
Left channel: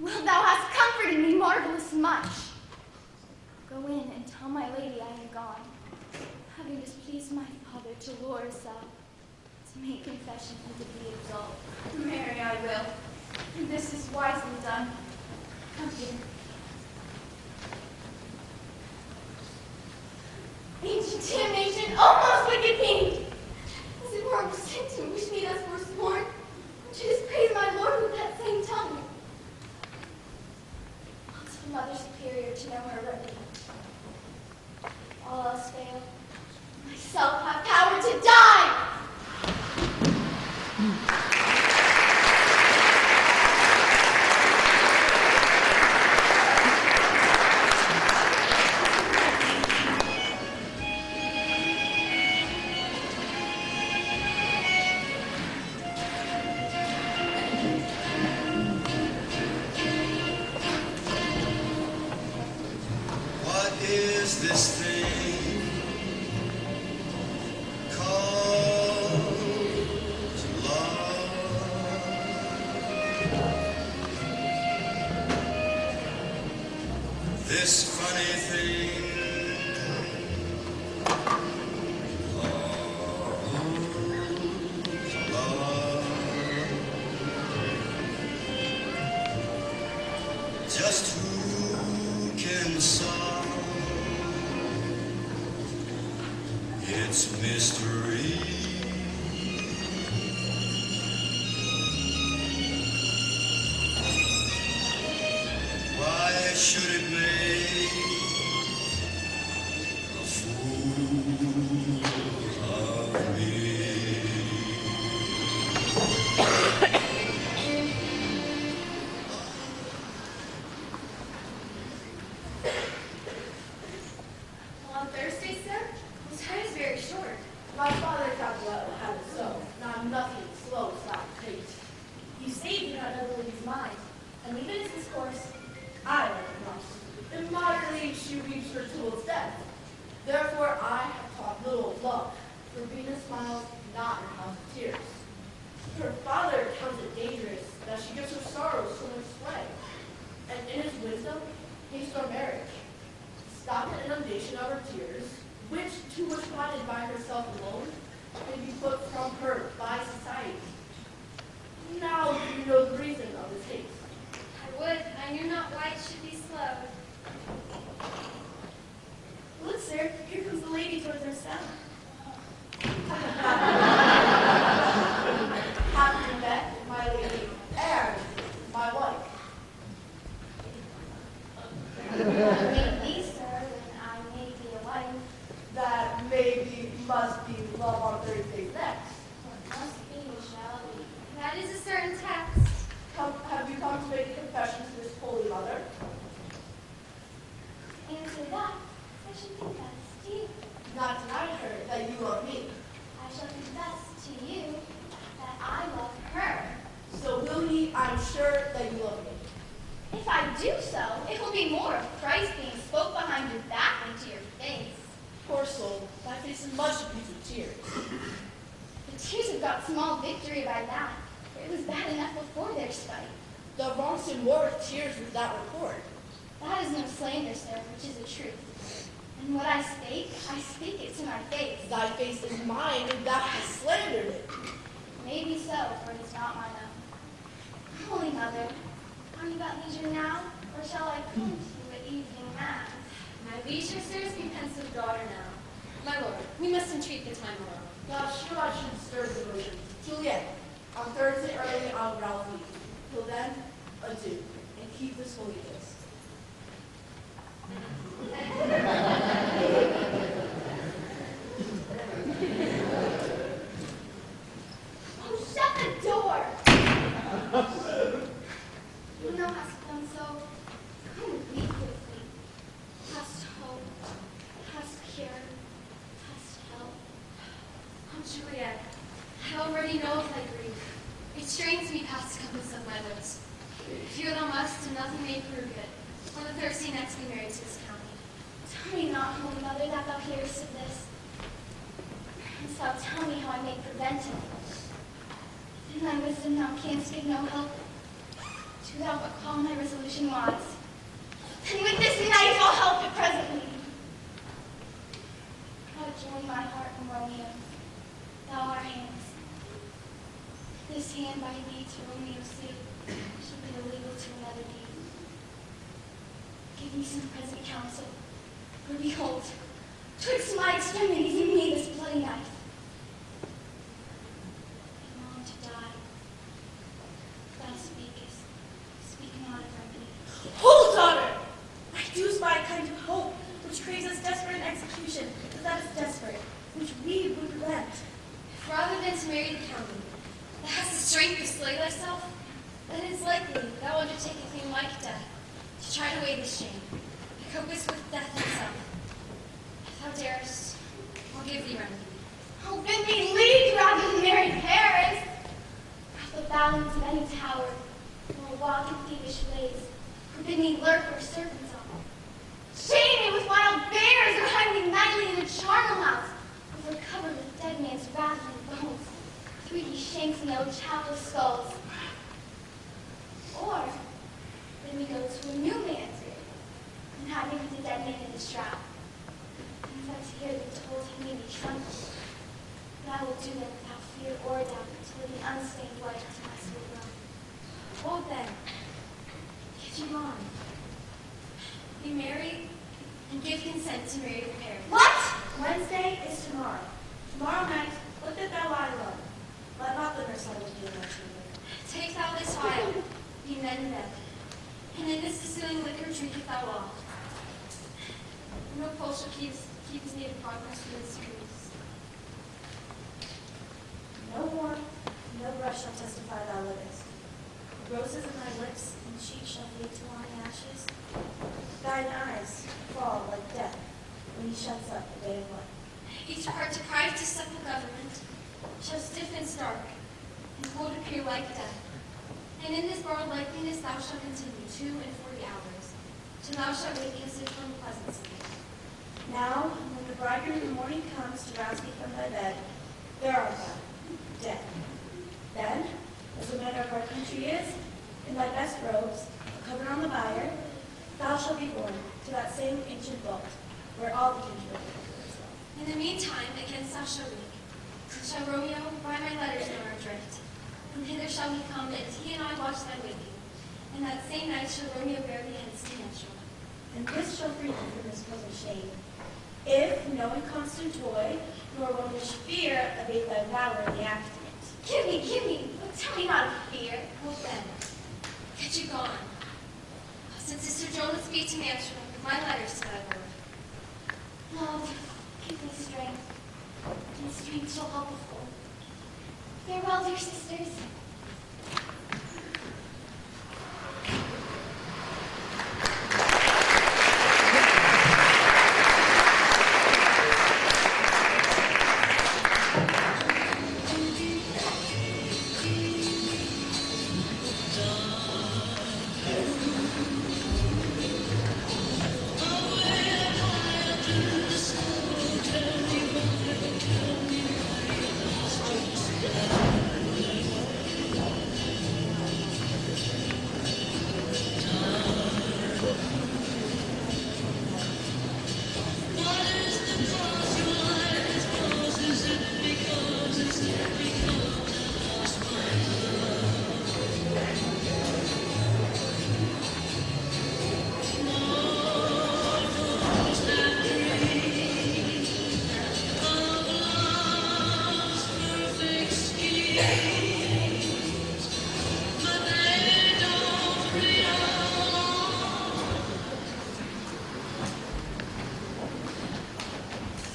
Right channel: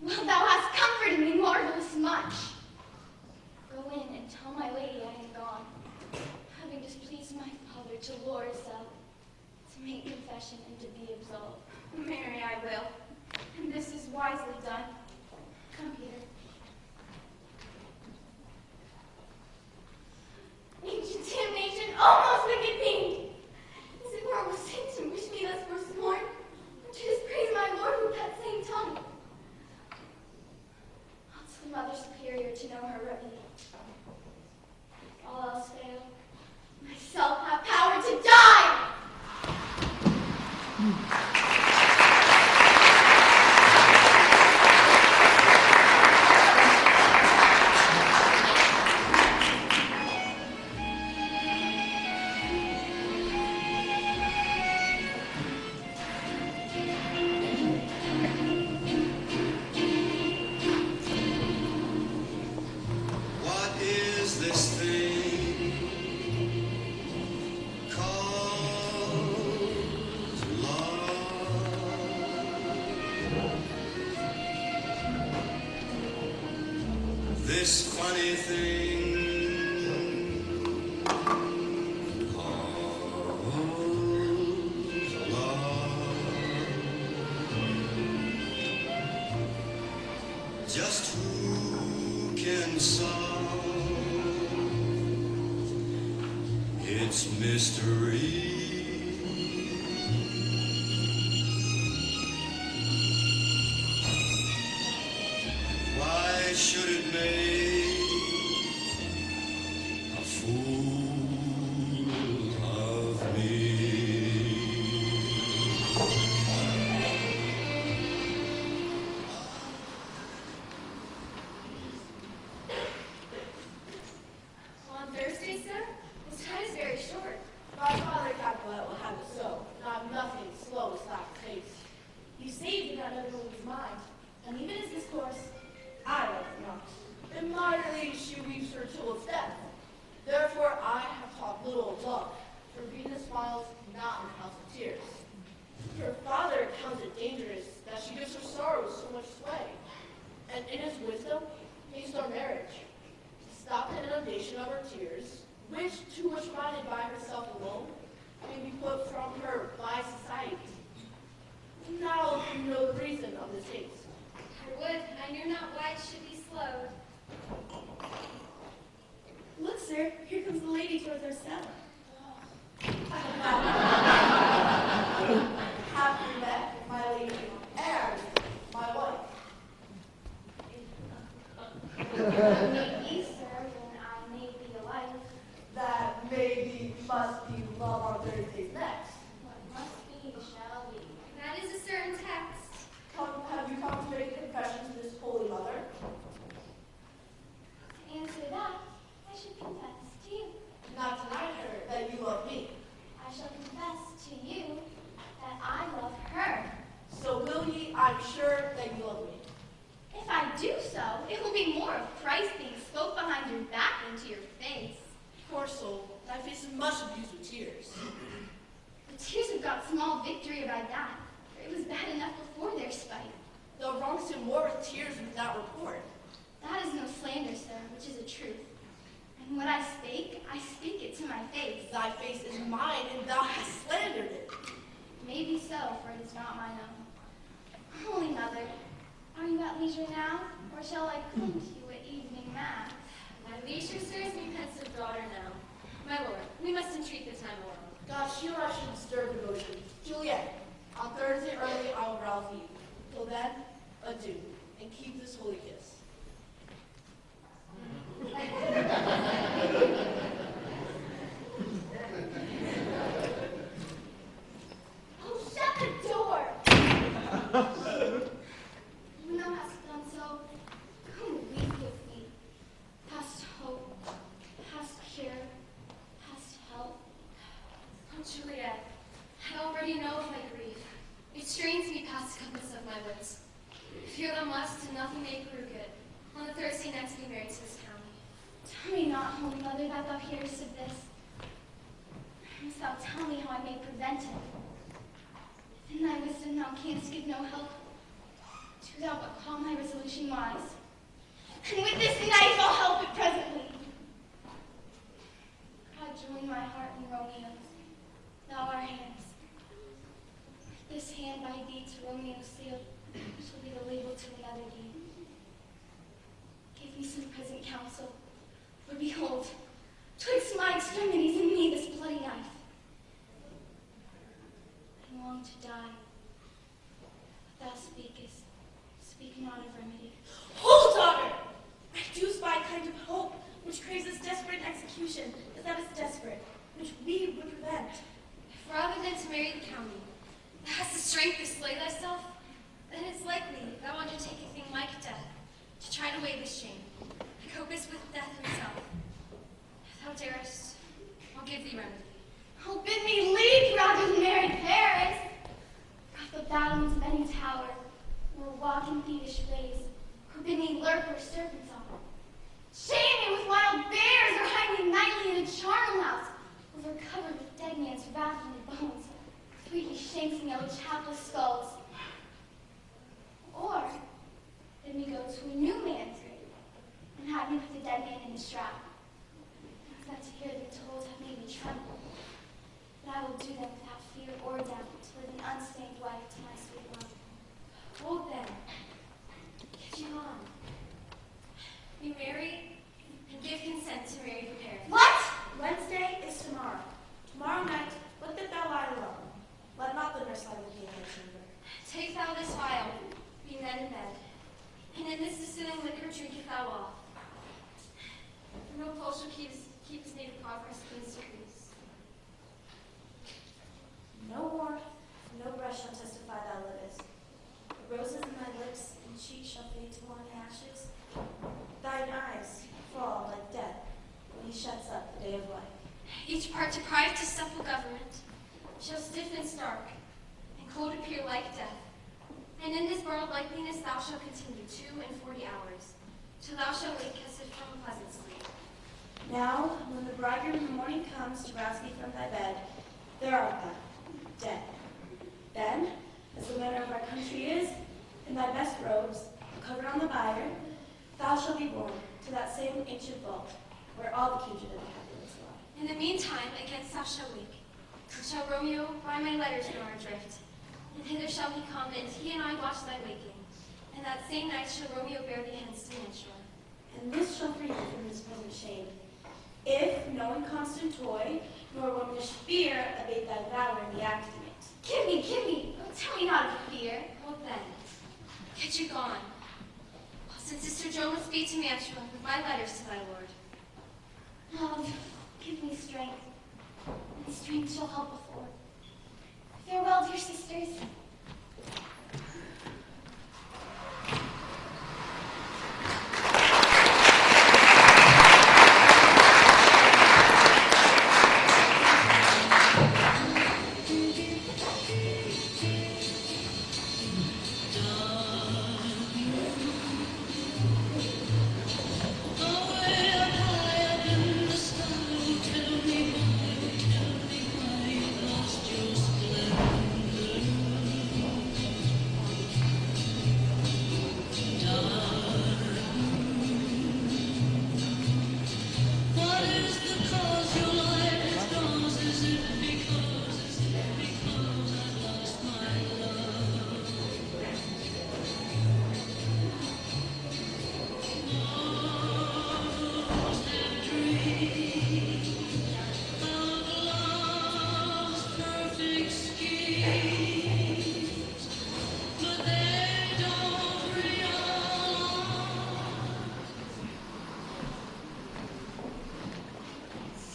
Well, thou hast comforted me marvelous much. Go in and tell my lady I am gone, having displeased my father to Lord's side, to make confession and to be absolved. Marry, I will. And this is wisely done. Come here. Ancient damnation, almost wicked fiend! As it were sin to wish me thus forsworn, and to dispraise my Lord with that same tongue. I'll tell Mother Superior to know her remedy. All else fail, myself have power to die! What is this thing called love? This funny thing called love. Just who can solve its mystery? Why should it make a fool of me? On Thursday, sir? The time is very short. My father Capilano had it so, and I'm nothing slow to that taste. You say you do not know the lady's mind, and leave it as this course. I like not. In modern age, she reached her tool's death. Therefore, I have taught little of love, for Venus smiles, not in house of tears. Her father counts it dangerous that she gives her sorrows so much sway, and in his wisdom, hates our marriage. Stop the inundation of her tears, which, too much minded by herself alone, may be put from her by society. Now you know the reason of this haste. I would, I knew not why it should be slow. Look, sir, here comes the lady towards our cell. Have you met my lady and my wife? Maybe, sir, when I may be a wife. That maybe must be love on Thursdays next. What must be, shall be. That is a certain text. Have you come to make a confession to this holy mother? To answer that, I should confess to you. Not deny her that you love me. I shall confess to you that I love her. So will ye, I'm sure that you love me. If I do so, it will be more of Christ being spoke behind your back than to your face. Poor soul, thy face is much abused with tears. The tears have got small victory by that. It was bad enough before their spite. The wrong sin more with tears without report. That is no slander, sir, which is the truth. And what I speak it to my face. Thy face is mine, and thou hast slandered it. Maybe so, for it is not mine own. Holy Mother, have you got leisure now, or shall I come to you at evening mass? My leisure serves me pensive daughter now. My lord, we must entreat the time more. God, sure I should stir the motion. Juliet, on Thursday early I will rouse thee. Till then, adieu, and keep this holy kiss. Oh, shut the door! When thou hast done so, come weep with me. Hast hope, hast cure, hast help. Oh, Juliet, I already know of thy grief. past compass of my lips. Fear thou must, and nothing may prove it. On the Thursday next be married to this county. Tell me not, Holy Mother, that thou hearest of this. And thou tell me how I may prevent it. In thy wisdom thou canst give no help. Do thou but call my resolution wise. And with this knife I'll help it presently. Thou join my heart and Romeo's. Thou our hands. This hand by thee to Romeo's seal shall be the label to another deed. Give me some present counsel, for behold, twixt my extremities and me this bloody knife. I long to die. Thou speakest, speak not of remedy. Hold, daughter! I do spy a kind of hope which craves us desperate in execution, but that is desperate, which we would prevent. If rather than to marry the county, thou hast the strength to slay thyself, then it is likely thou undertake a thing like death, to try to weigh this shame, and compass with death itself. If thou darest, I'll give thee remedy. Oh, bid me leave rather than marry parents. At the battlements of any tower, nor walk in thievish ways, or bid me lurk where serpents are. Shame me with wild bears, or hide me nightly in a charnel house, over covered with dead man's rattling bones, 3D shanks and yellow chapless skulls. Or bid me go to a new man's grave, and hide me with the dead man in the shroud. And that to hear the tolls have made me tremble. But I will do that without fear or doubt, to live an unstained life to my sweet love. Hold then, get you on. Be married, and give consent to marry the pair. What? Wednesday is tomorrow. Tomorrow night, let that thou lie alone. Let not the nurse lie with thee in thy chamber. Take thou this vial, be men in bed, and in this distilling liquor drinketh thou all. No pulse shall keep his native progress from his degrees. No warmth, no brush shall testify thou livest. The roses in thy lips and cheeks shall fade to long ashes. Thine eyes fall like death when he shuts up the day of life. Each part deprived to simple government shall stiff and stark, and cold appear like death. And in this borrowed likeliness thou shalt continue 42 hours, till thou shalt wake as if from a pleasant sleep. Now, when the bridegroom in the morning comes to rouse thee from thy bed, there art thou, dead. Then, as the manner of our country is, in thy best robes, covered on the bier, thou shalt be borne to that same ancient vault, where all the kindred of the populace lie. In the meantime, against thou shalt wake, and shall Romeo by my letters know our drift. And hither shall he come, that he and I watch thy waking. And that same night shall Romeo bear thee hence to Mentor. And this shall free thee from his present shame. If, knowing constant toy, nor womanish fear, abate thy valor in the act of it. Give me, oh, tell me not of fear. Hold then, get you gone. Since Sister Jonas be to Mantua, my letters to thy lord. Lord, give me strength, and strength shall help a fool. Farewell, dear sisters.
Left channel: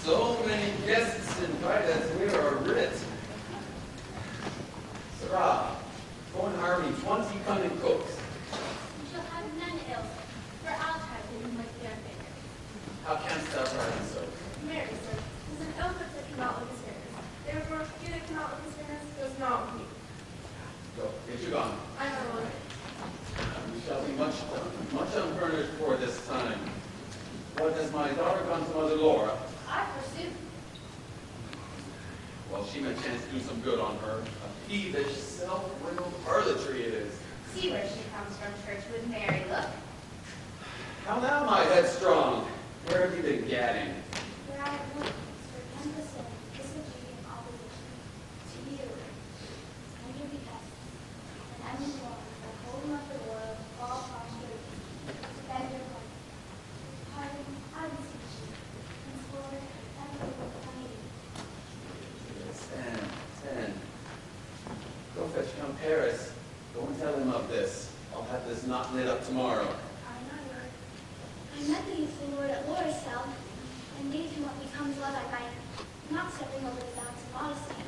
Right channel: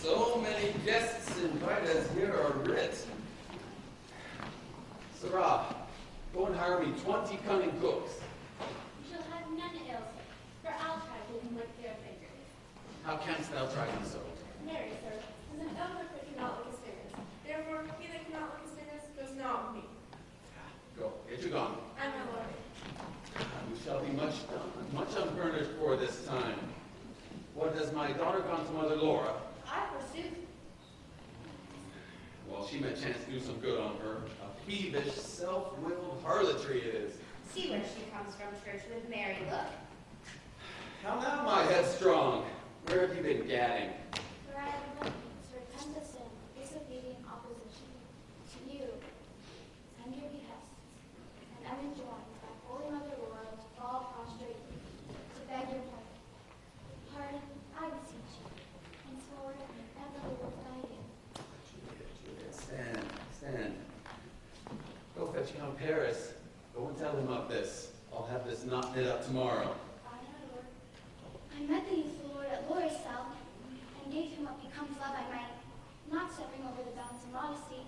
So many guests invited here are writ. Sarah, go and hire me 20 cunning cooks. You shall have none ill, for I'll try to with their favor. How canst thou try me so? Mary, sir, is an element that cannot look as fairness. Therefore, he that cannot look as fairness goes not with me. Go, get you gone? I know. We shall be much unfurnished for this time. What has my daughter gone to Mother Laura? I pursued. Well, she may chance to do some good on her. A peevish, self-willed harlotry it is. See where she comes from church with Mary, look. How now, my headstrong? Where have you been gadding? Where I have looked, Sir, none but sin, disobedient opposition to you, and your behest, and am informed by holding up the oil, all posture, to bend your heart. Pardon, I beseech you, henceforward and ever will find you. Stand. Go fetch Count Paris. Go and tell him of this. I'll have this knot knit up tomorrow. I know, Lord. I met the youthful Lord at Laura's cell, and gave him what becomes love I might, not stepping over the bounds of modesty.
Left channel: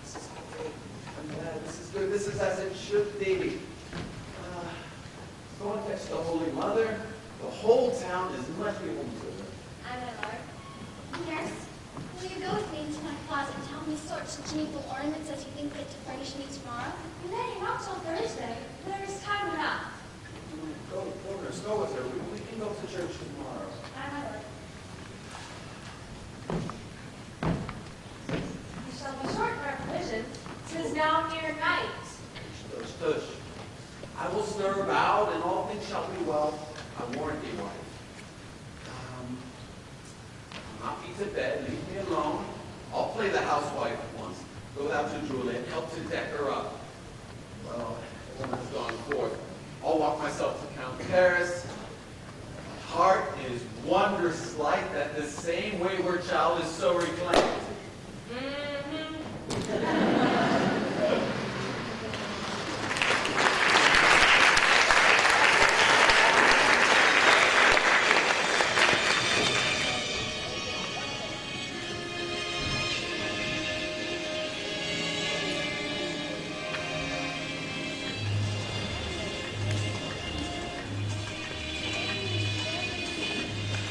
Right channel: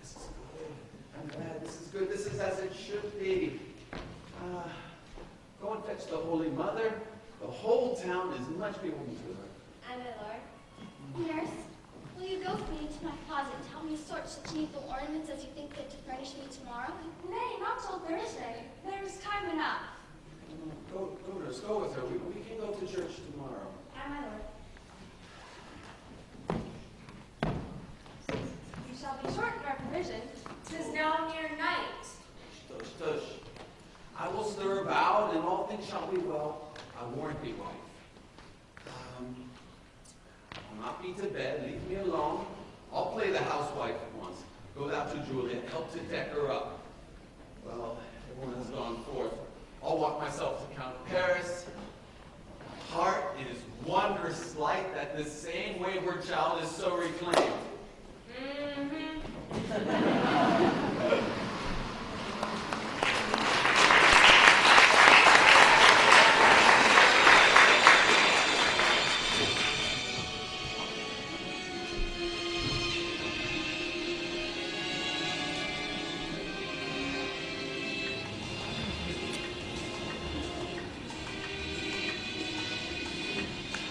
This is good. I'm glad this is good. This is as it should be. Go and fetch the Holy Mother. The whole town is much beholden to her. I'm my lord. Yes. Will you go with me into my closet and help me sort such needful ornaments as you think fit to furnish me tomorrow? Nay, not till Thursday. There is time enough. Go, nurse. Go with her. We can go to church tomorrow. I'm my lord. We shall be short in our provisions. 'Tis now near night. Tush. I will stir about, and all things shall be well. I warrant thee, wife. I'll not be to bed. Leave me alone. I'll play the housewife at once. Go thou to Juliet. Help to deck her up. Well, everyone has gone forth. I'll walk myself to Count Paris. My heart is wondrous light that this same wayward child is so reclaimed.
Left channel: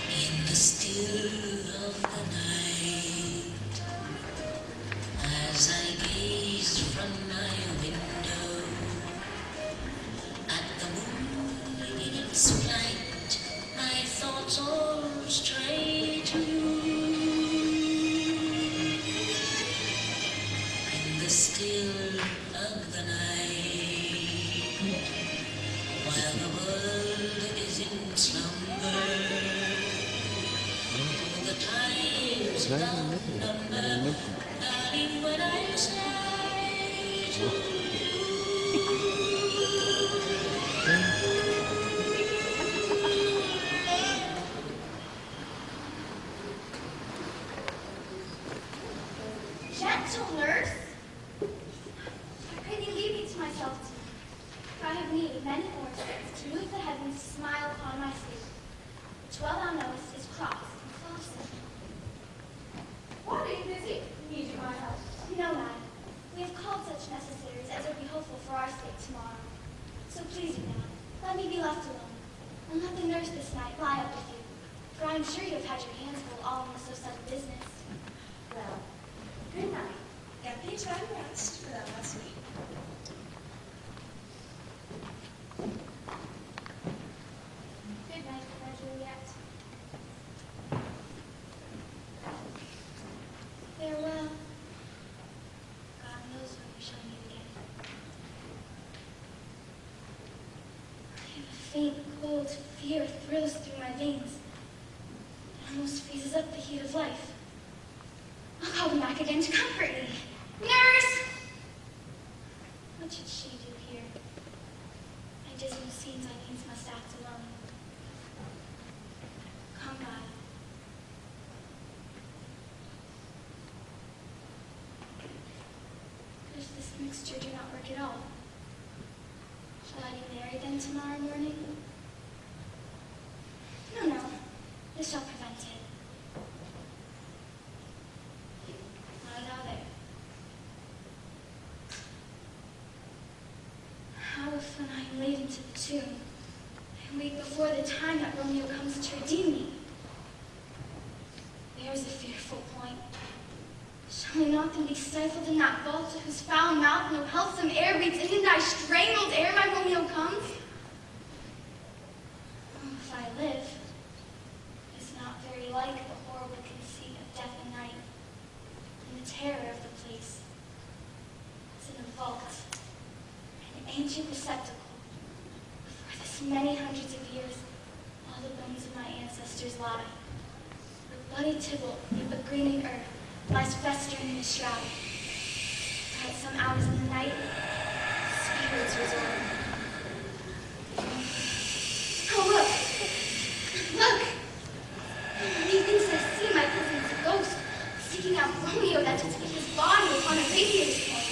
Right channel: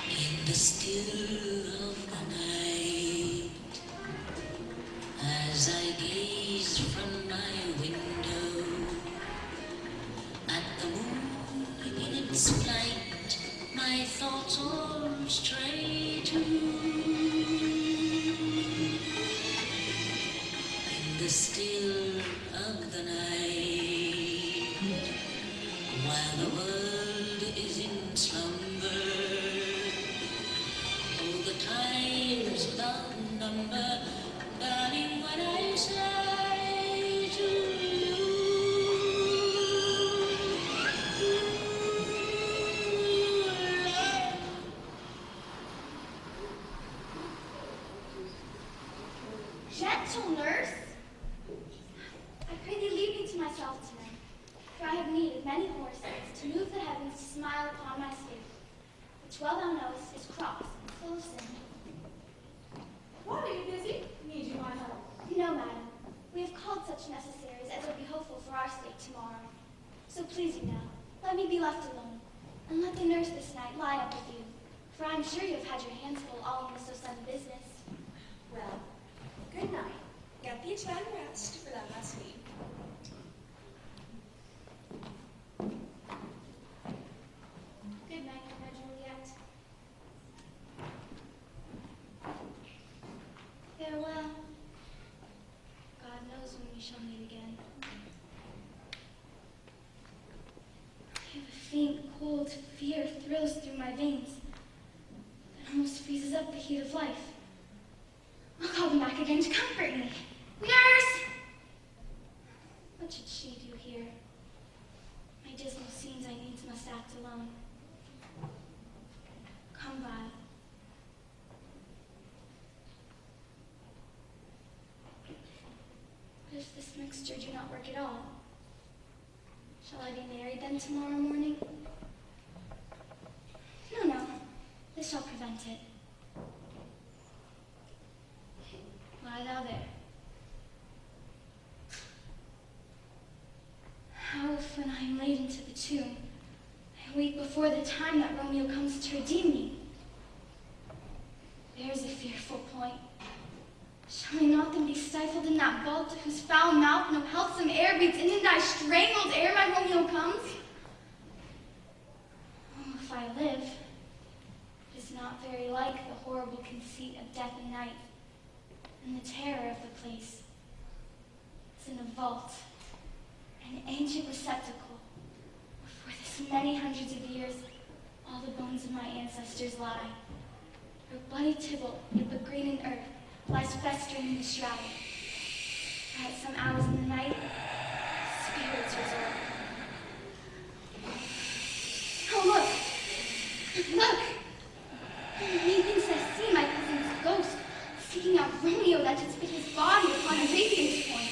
In the still of the night, as I gaze from my window at the moon in its flight, my thoughts all stray to you. In the still of the night, while the world is in slumber, all the times without number, darling, when I say to Gentle nurse, I pray thee leave me to myself tonight, for I have need of many foresights to move the heavens to smile upon my sleep, which well thou knowest is crossed and full of sin. What are you busy? Need you my help? No, madam, we have called such necessaries as would be hopeful for our sake tomorrow. So please you now, let me be left alone, and let the nurse this night lie up with you, for I am sure you have had your hands full all in so sudden business. Well, good night. Get thee time rest for that last week. Good night, Anna Juliet. Farewell. God knows when we shall meet again. I have a faint, cold fear thrills through my veins. It almost freezes up the heat of life. I'll call them back again to comfort me. Nurse! What should she do here? My dismal scenes I needs must act alone. Come, God. What if this mixture do not work at all? Shall I be married then tomorrow morning? No, this shall prevent it. Lie thou there. How if when I am laid into the tomb, I wake before the time that Romeo comes to redeem me? There is a fearful point. Shall Shall we not then be stifled in that vault to whose foul mouth no healthsome air breathes in thy strangled air, my Romeo comes? Oh, if I live, it is not very like the horrible conceit of death and night, and the terror of the place. It's in a vault, an ancient receptacle, where for this many hundreds of years all the bones of my ancestors lie. Where bloody Tybalt, with the greening earth, lies festering in the shroud. At some hours in the night, spirits resort. Oh, look! Look! Methinks I see my cousin's ghost seeking out Romeo that should spit his body upon a radiance point.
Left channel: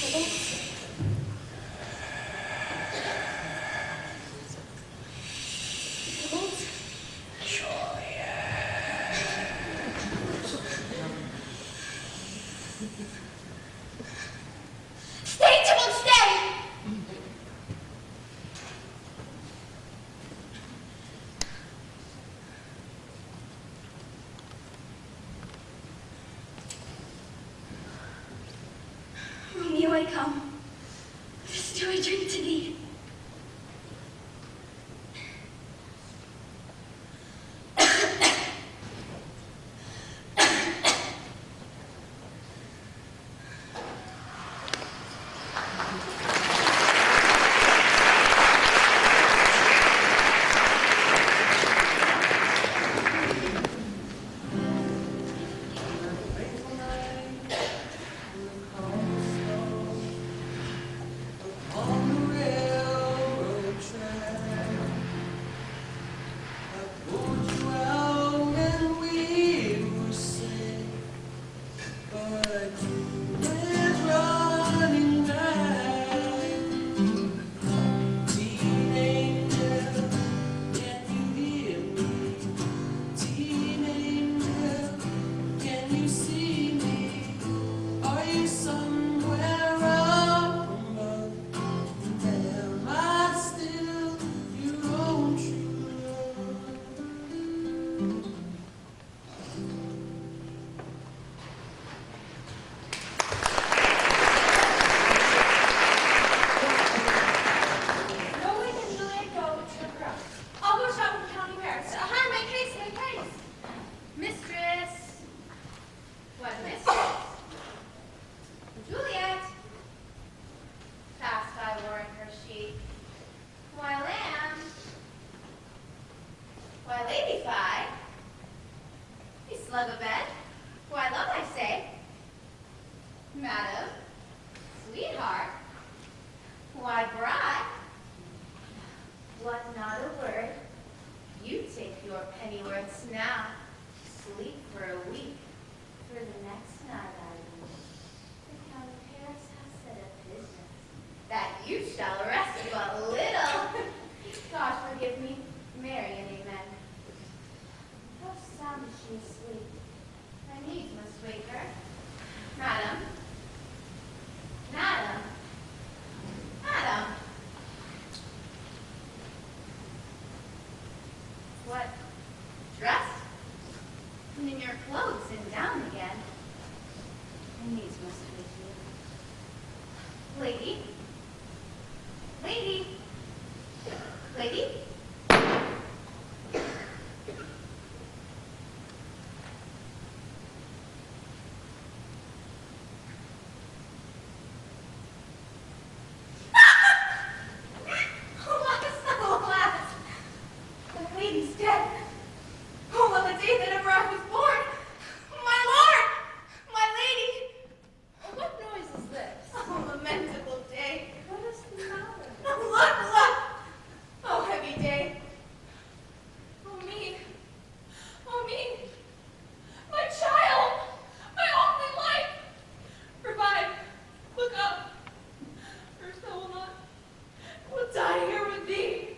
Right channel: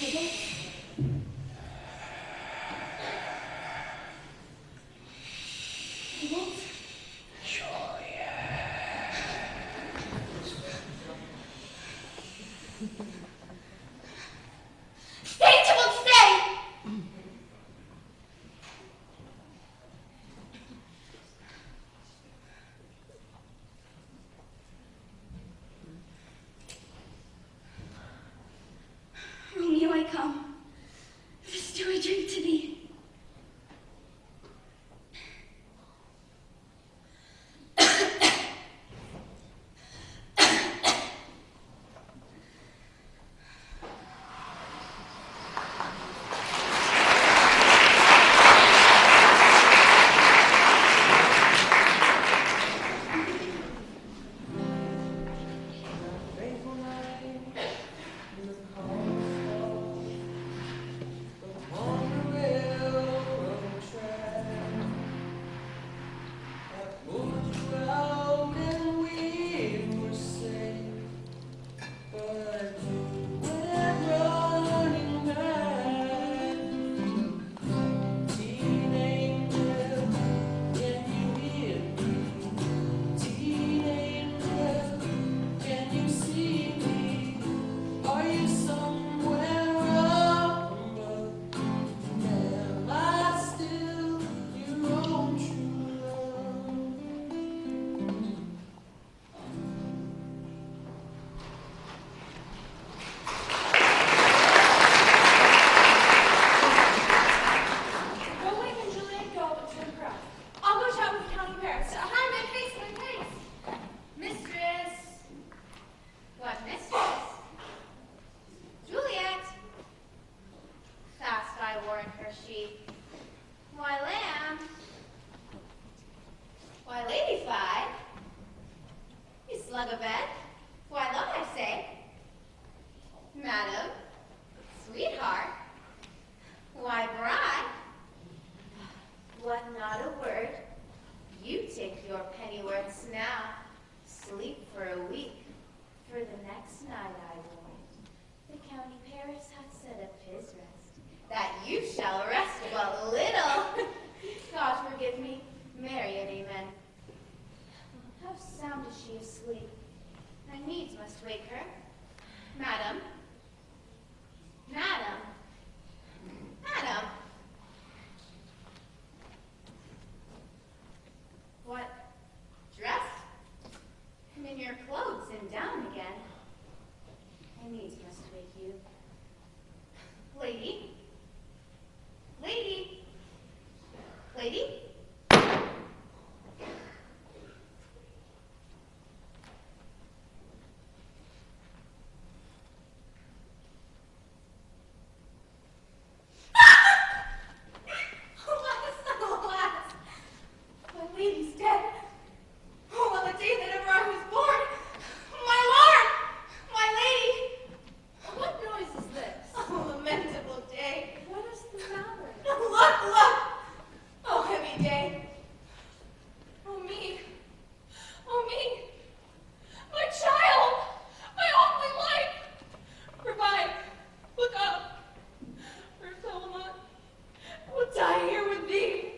Tybalt? Tybalt? Stay, Tybalt, stay! Romeo, I come. This do I drink to thee. Nobody can Juliet go to the crowd. I'll go shout with the county mayor. Hi, make haste, make haste. Mistress. What mistress? Juliet. Fast I warn her sheep. Why, lamb. Why, lady fly. You slug a bed. Why, love, I say. Madam. Sweetheart. Why, bride. What, not a word? You take your pennyworths now. Sleep for a week. For the next night I will. The Count of Paris has said of his rest, that you shall rest but little. God forgive me, Mary and amen. How sound is she asleep? I needs must wake her. Madam. Madam. Madam. What? Dressed? And in your clothes and down again. I needs must wake you. Lady? Lady? Lady? Alas, alas! The lady's dead. Oh, well, the day that ever I was born! My lord! My lady! What noise is this? Oh, lamentable day. What is the matter? Look, look! Oh, heavy day. Oh, me. Oh, me. My child! My only life! Revive. Look up. Or so will not. Will die here with thee.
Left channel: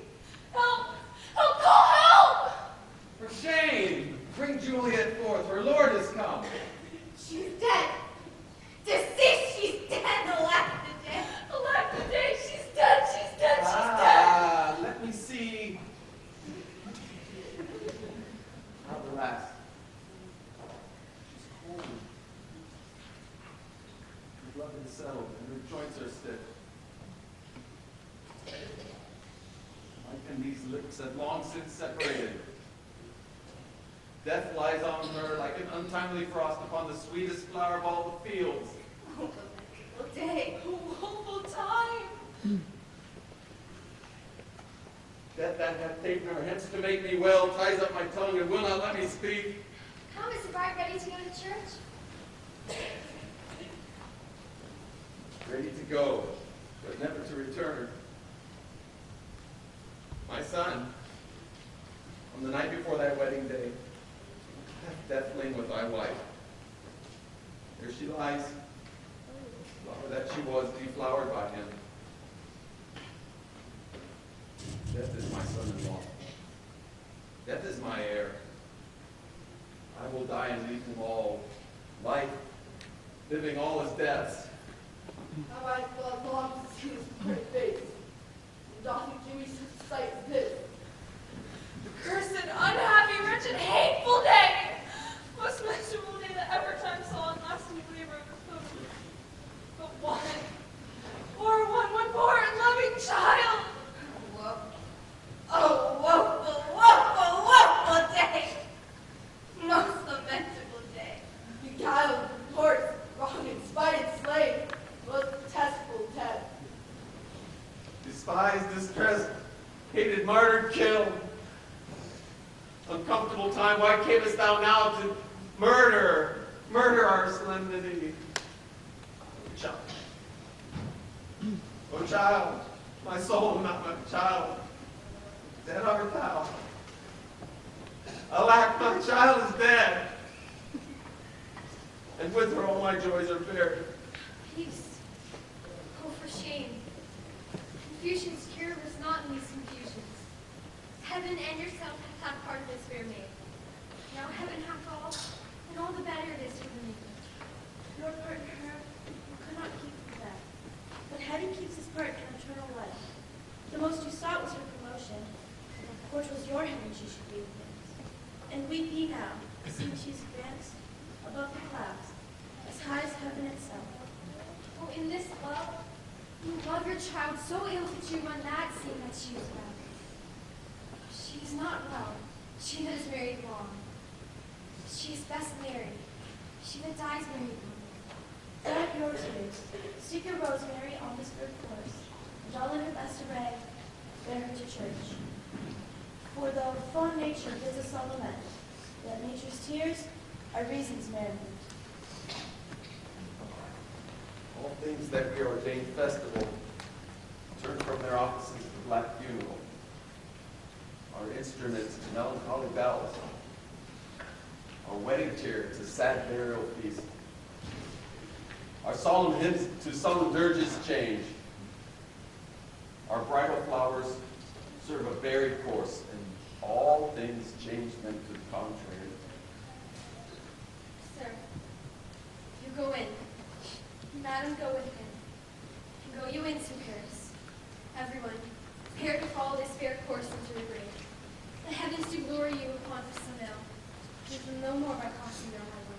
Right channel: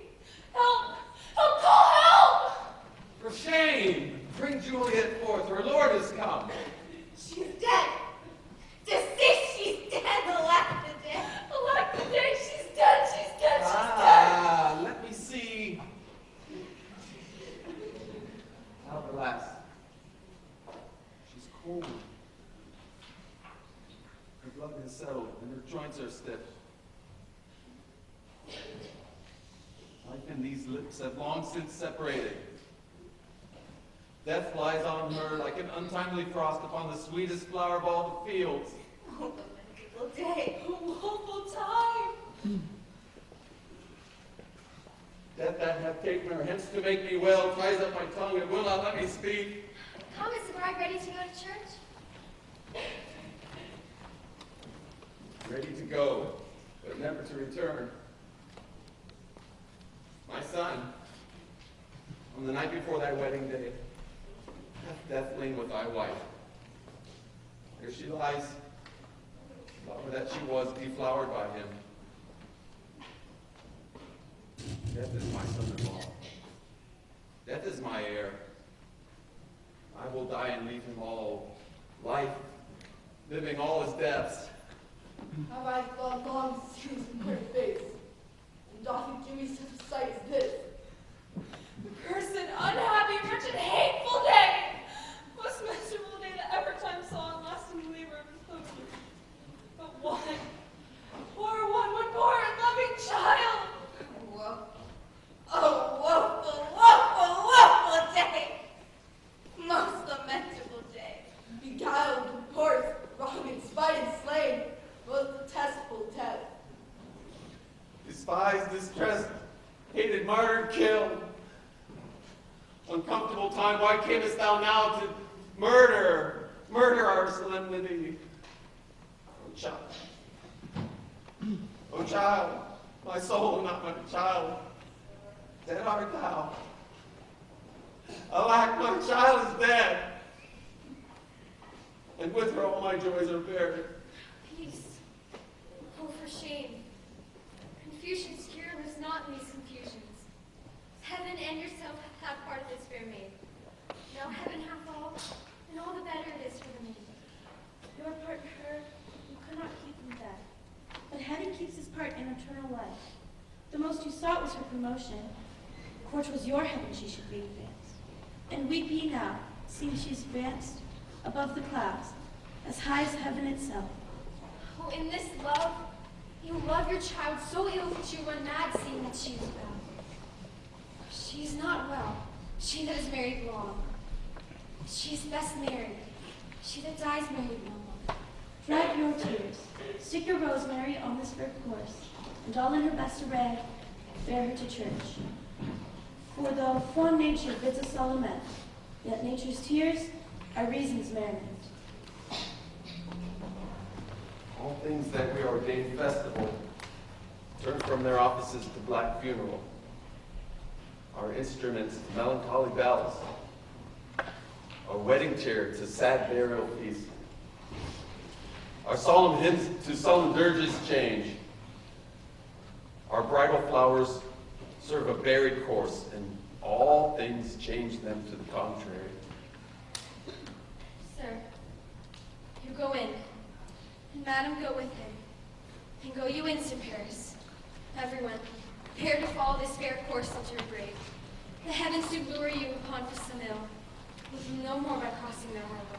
Help! Help! Call help! For shame! Bring Juliet forth, her lord has come. She's dead. Deceased, she's dead. Alack the day. Alack the day. She's dead. She's dead. She's dead. Let me see. cold. Her blood is settled and her joints are stiff. Life and these lips have long since separated. Death lies on her like an untimely frost upon the sweetest flower of all the fields. Oh, the miserable day. A woeful time. Death that hath taken her hence to make me well ties up my tongue and will not let me speak. Come, is the bride ready to go to church? Ready to go, but never to return. My son, on the night before thy wedding day, hath death lain with thy wife. There she lies, flower that she was, deflowered by him. Death is my son-in-law. Death is my heir. I will die and leave him all. Life, living all his deaths. How I thought long to see his bright face. And doth he give me such a sight as this? Cursed, unhappy, wretched, hateful day! Most miserable day that ever time saw and lasting labor of his poetry. But one, one poor and loving child! Woe. Oh, woeful, woeful, woeful day! Most lamentable day. Beguiled, divorced, wronged, spited, slain. Most detestable death. Despised, distressed, hated, martyred, killed. Uncomfortable time, why camest thou now to murder our solemnity? Oh, child. Oh, child, my soul, not my child. Dead art thou. Alack, my child is dead. And with her all my joys are buried. Peace. Oh, for shame. Confusion's cure was not in these confusions. Heaven and yourself have part of this fair maid. Now heaven hath all, and all the better it is for the maid. Your part in her you could not keep from death, but heaven keeps his part in eternal life. The most you sought was her promotion, for 'twas your heaven she should be advanced. And weep ye now, seeing she is advanced above the clouds, as high as heaven itself. Oh, in this love, you love your child so ill that you run mad seeing that she is well. She is not well, she that is married long. She is best married, she that dies married no more. Dry your tears, stick your rosemary on this red course, and all in her best array, bear her to church. For though fond nature bids us all lament, yet nature's tears are reason's merriment. All things that we ordained festival turn from their offices to black funeral. Our instruments to melancholy bells. Our wedding cheer to sad burial feast. Our solemn hymns to solemn dirges change. Our bridal flowers serve a buried course, and all things change them to the contrary. Sir, you go in. Madam, go with him. And go you in, Sir Paris. Everyone, prepare to follow this fair course of your grave. The heavens do glory you upon Fissamil. Give no more by crossing their harbor.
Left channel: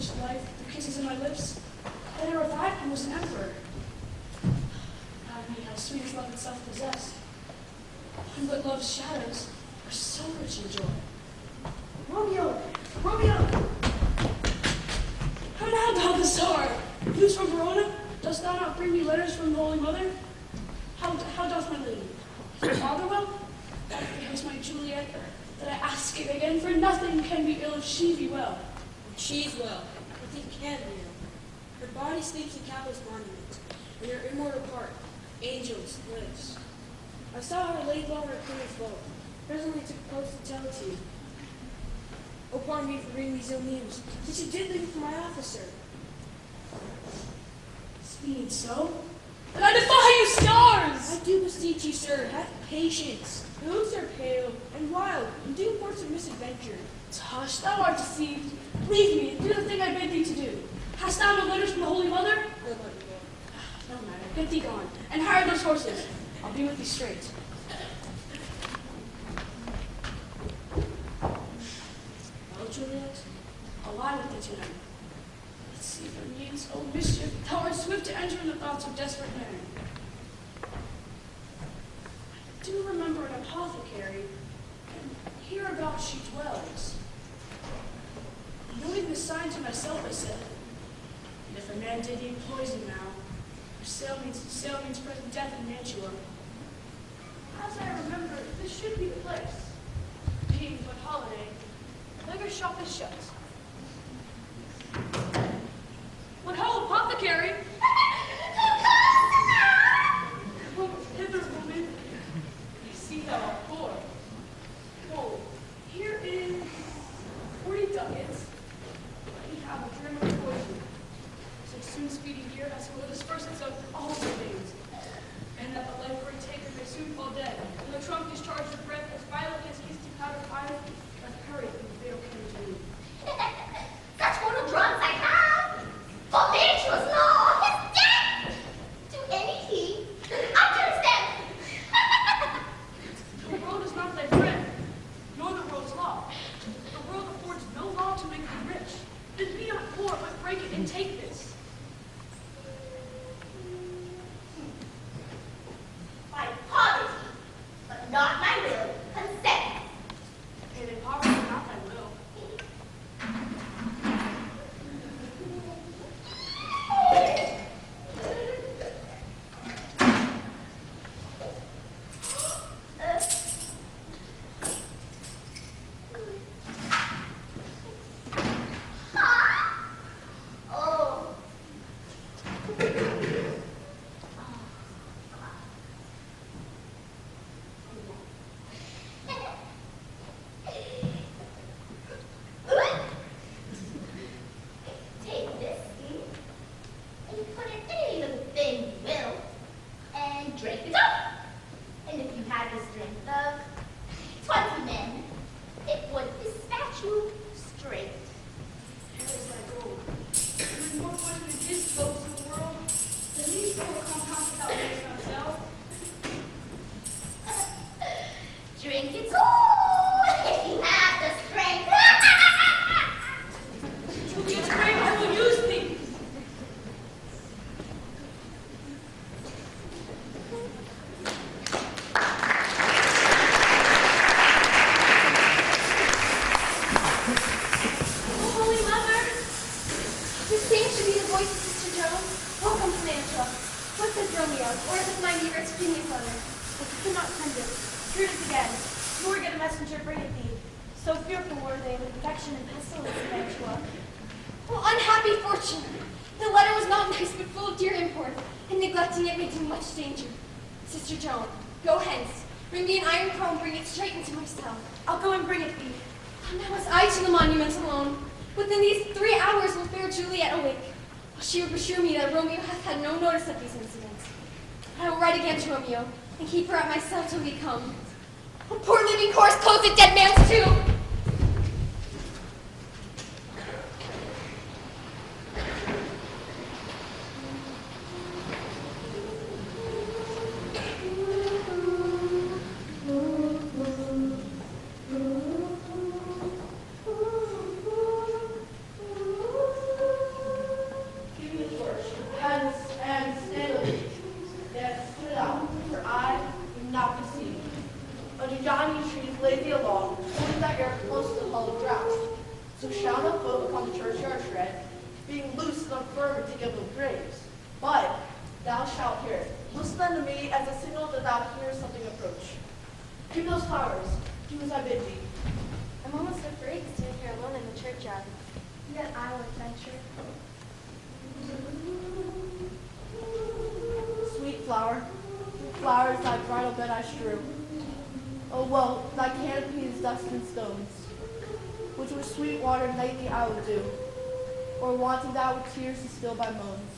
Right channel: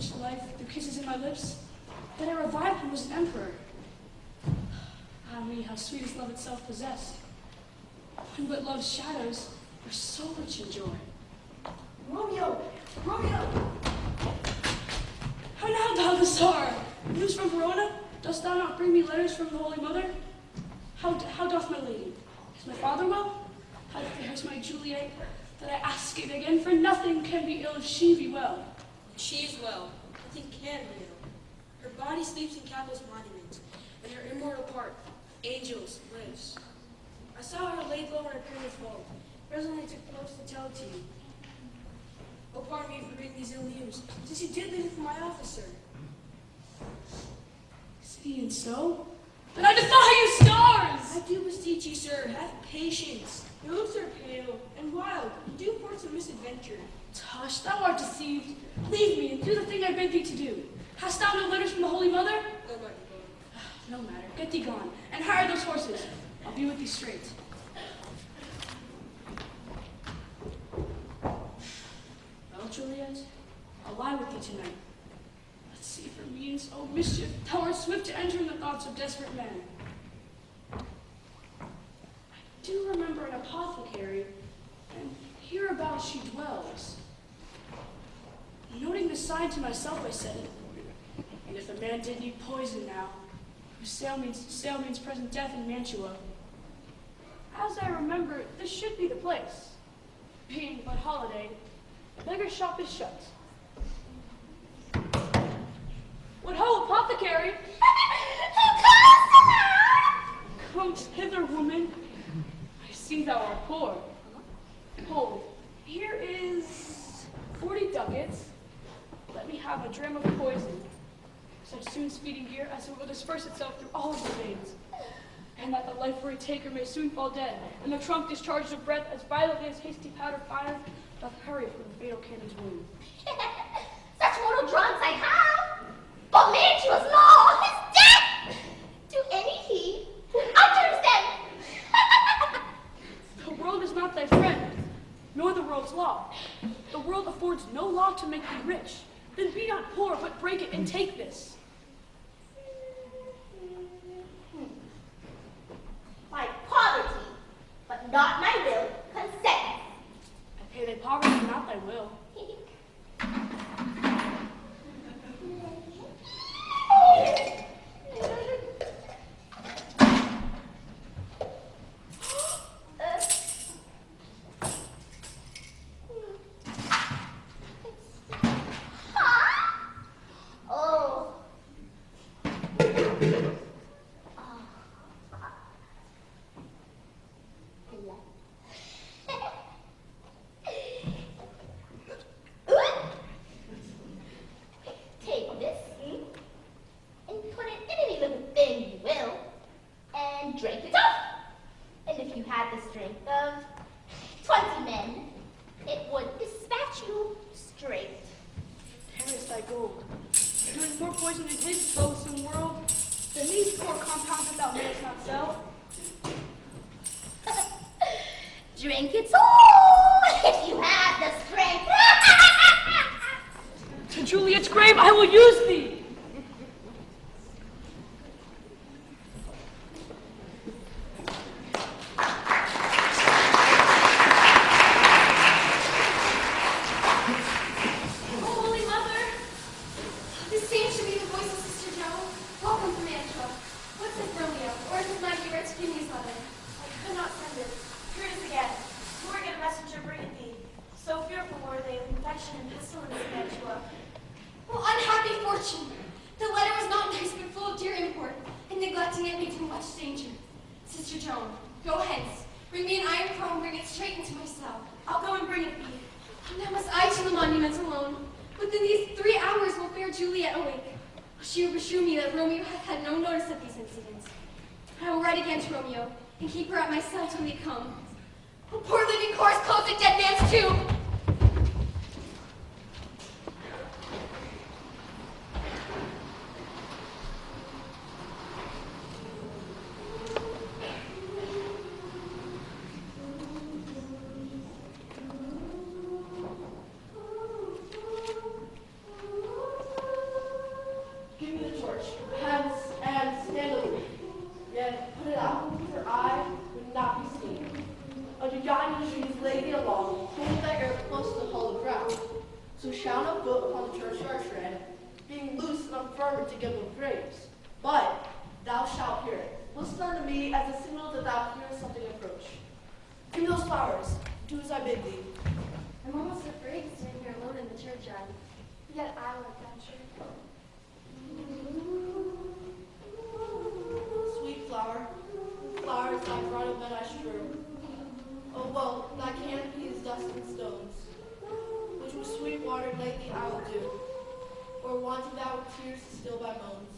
such life through kisses in my lips, that I revived him as an emperor. Ah me, how sweet is love itself possessed. One but love's shadows are so rich in joy. Romeo! Romeo! How now, Balthasar? News from Verona? Dost thou not bring me letters from the Holy Mother? How doth my lady? Is my father well? God bears my Juliet, that I ask it again, for nothing can be ill if she be well. She is well. Nothing can be ill. Her body sleeps in Capel's monument, and her immortal part, angels, lives. I saw her laid low in her queen's floor. Presently took post to tell it to you. Oh, pardon me for bringing these ill news, since you did leave it for my officer. Being so? And I defy you, stars! I do beseech you, sir, have patience. The looks are pale and wild, and do reports of misadventure. Tush, thou art deceived. Leave me and do the thing I bid thee to do. Hast thou no letters from the Holy Mother? No matter, get thee gone, and hire those horses. I'll be with thee straight. Well, Juliet, I'll lie with thee tonight. Let's see if there means, oh mischief, thou art swift to enter in the thoughts of desperate men. I do remember an apothecary, and hereabout she dwells. Noting this sign to myself, I said, and if a man did eat poison now, whose sale means present death in Mantua. As I remember, this should be the place. Being but holiday, beggar's shop is shut. What ho, apothecary! Come hither, woman. I see thou art poor. Hold, here is 40 ducats. Let me have a dram of poison. So soon speeding here, as it will disperse itself through all of the veins. And that the life-free taker may soon fall dead, and the trunk discharges of breath as violently as hasty powder fire doth hurry from the fatal canon's wound. Such mortal drugs I have, for Mantua's law is death to any heed utters them. The world is not thy friend, nor the world's law. The world affords no law to make thee rich. Then be not poor, but break it and take this. By poverty, but not my will, consent. Pay thy poverty, not thy will. Oh. Take this and put it in any little thing you will, and drink it up. And if you had the strength of 20 men, it would dispatch you straight. Here is thy gold. There is more poison in his folks in the world than these poor compounds without makes not sell. Drink it all if you have the strength. To Juliet's grave I will use thee. Holy Mother! This seems to be the voice of Sister Joan. Welcome to Mantua. What says Romeo? Or is it my dear Virginia's letter? I could not send it. Here it is again. Nor get a messenger bring it thee. So fearful were they with infection and pestilence in Mantua. Oh, unhappy fortune! The letter was not nice, but full of dear import, and neglecting it made him much danger. Sister Joan, go hence. Bring me an iron comb, bring it straight into my cell. I'll go and bring it thee. Now must I to the monument alone. Within these 3 hours will fair Juliet awake. She will assure me that Romeo hath had no notice of these incidents. I will write again to Romeo, and keep her at my cell till we come. A poor living corpse clothes a dead man's tomb. trees lay thee along, holding thy ear close to the hollow ground. So shall no foot upon the churchyard tread, being loose and unfirm to give them graves. But thou shalt hear it. Listen unto me as a signal that thou hearest something approach. Give me those flowers. Do as I bid thee. I'm almost afraid standing here alone in the churchyard. Yet I will adventure. Sweet flower, flowers thy bridal bed I strew. Oh well, thy canopy is dust and stones, which with sweet water lately I will do, or wanting thou with tears to still my moans.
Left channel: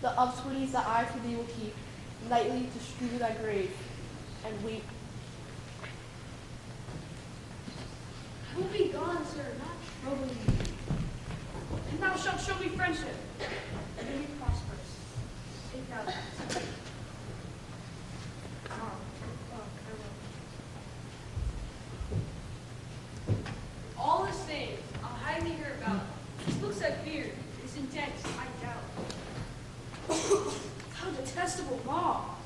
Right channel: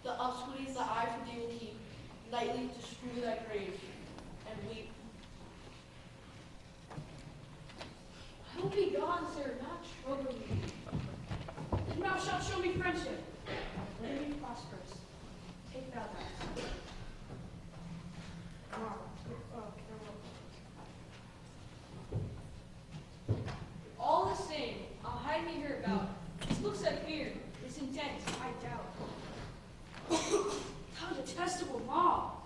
The upswitties that I for thee will keep, nightly to strew thy grave, and weep. I will be gone, sir, not troubling you. And thou shalt show me friendship, and be prosperous. Take thou that. All the same, I'll hide thee here about. This looks at fear, this intense, I doubt. Thou detestable mob,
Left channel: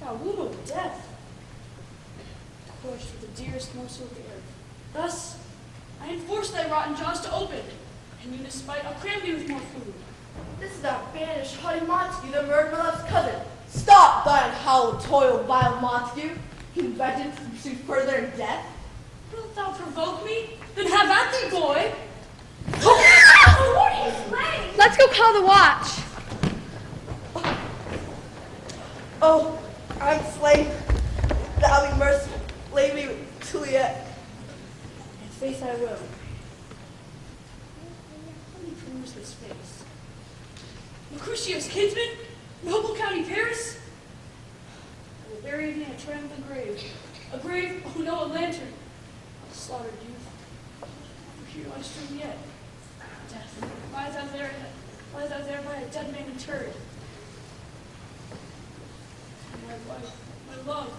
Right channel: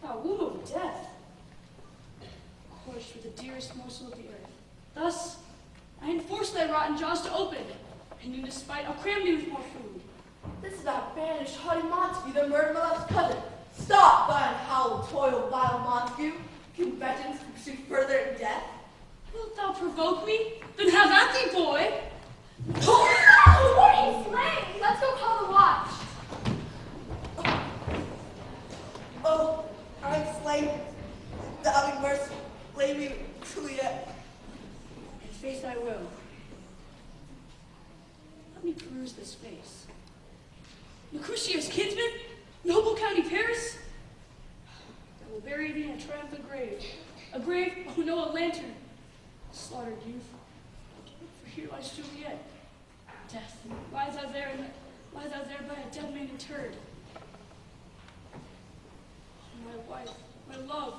thou womb of death, torched for the dearest morsel of the earth. Thus, I enforce thy rotten jaws to open, and in this spite I'll cram thee with more food. This is thou banished haughty Montague, the murdered my love's cousin. Stop thine hollow toil, vile Montague. Can vengeance pursue further in death? Wilt thou provoke me? Then have at thee, boy! Let's go call the watch. Oh, I'm slain. Thou be merciful. Lay me with Juliet. In faith I will. Let me peruse this face. Lucretia's kinsman? Noble County Paris? I will bury thee in a triumphant grave. A grave, oh no, a lantern. Slaughtered youth. For here lies Juliet. Death lies out there by a dead man interred. And my wife, my love,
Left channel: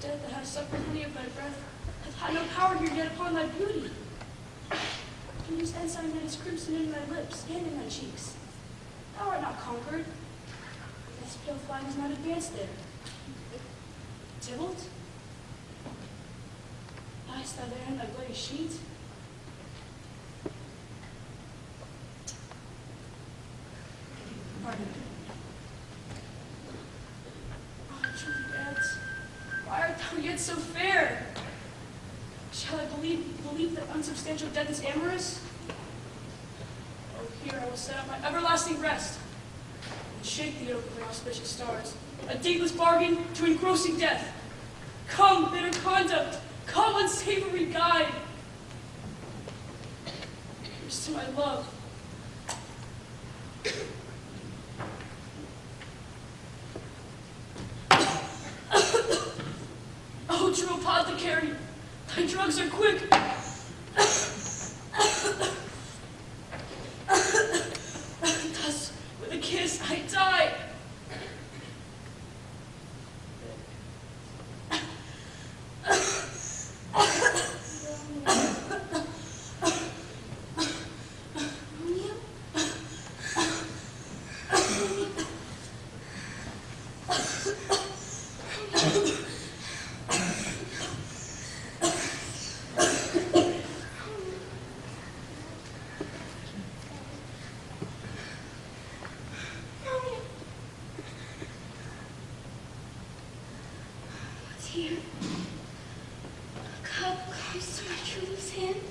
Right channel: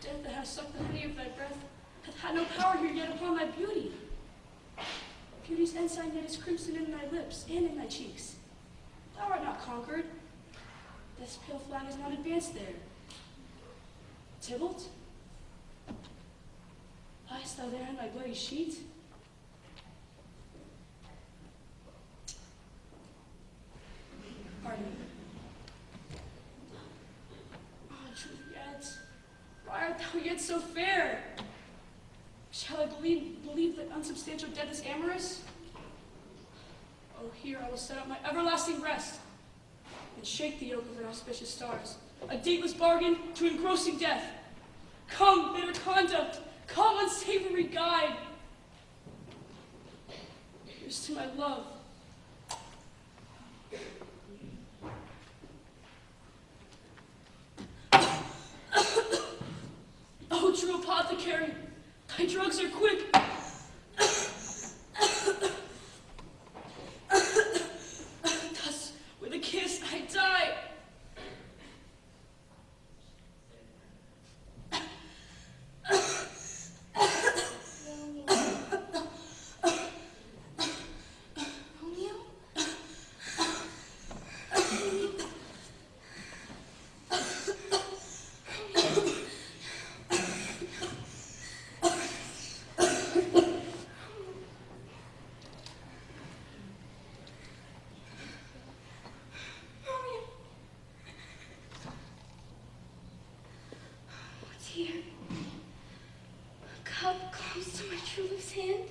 death that has suffered honey of thy breath, hath had no power here yet upon thy beauty. Beauty's ensign that is crimson in thy lips and in thy cheeks. Thou art not conquered. This pale flag is not advanced there. Tybalt? Liest thou there in thy bloody sheet? Pardon me. Oh, Juliet, why art thou yet so fair? Shall I believe that unsubstantial death is amorous? Oh, here I will set up my everlasting rest and shake the yoke of the auspicious stars. A dateless bargain to engrossing death. Come, bitter conduct. Come, unsavory guide. Here's to my love. Oh, true apothecary, thy drugs are quick. Thus, with a kiss, I die. Here, a cup comes to my true love's hand.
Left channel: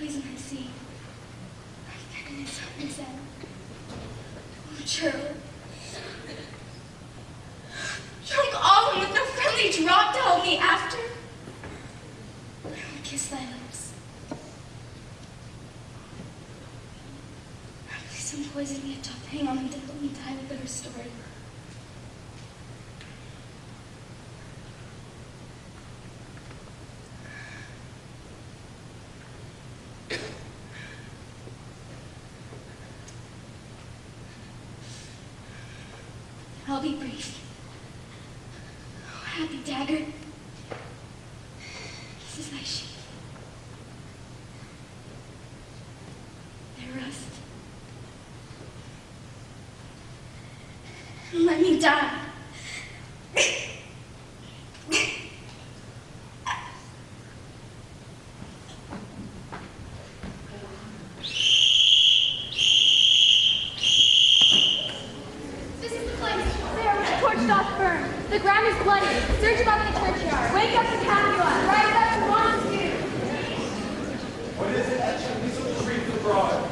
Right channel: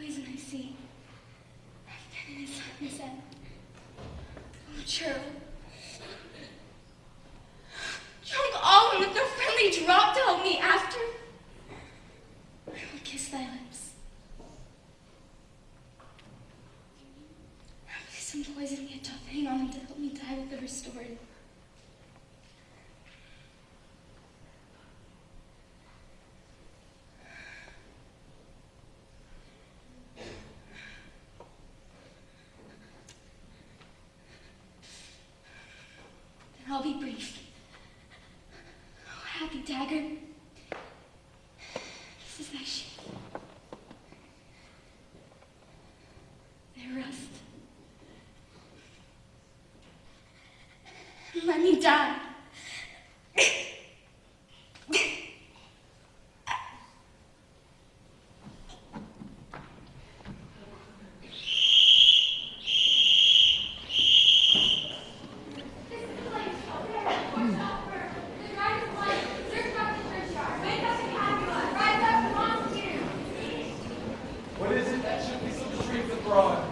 Poison I see, right in his hunter's end. Oh, Gerald, drunk all and with no friendly drop to help me after. I will kiss thy lips. Please some poison yet doth hang on me to let me die with the restored. I'll be brief. Oh, happy dagger. This is thy sheath. There rest. Let me die. The ground is bloody. Search about the churchyard. Wake up the Catholic. Right up Montague. What is it that should be so shrieks abroad?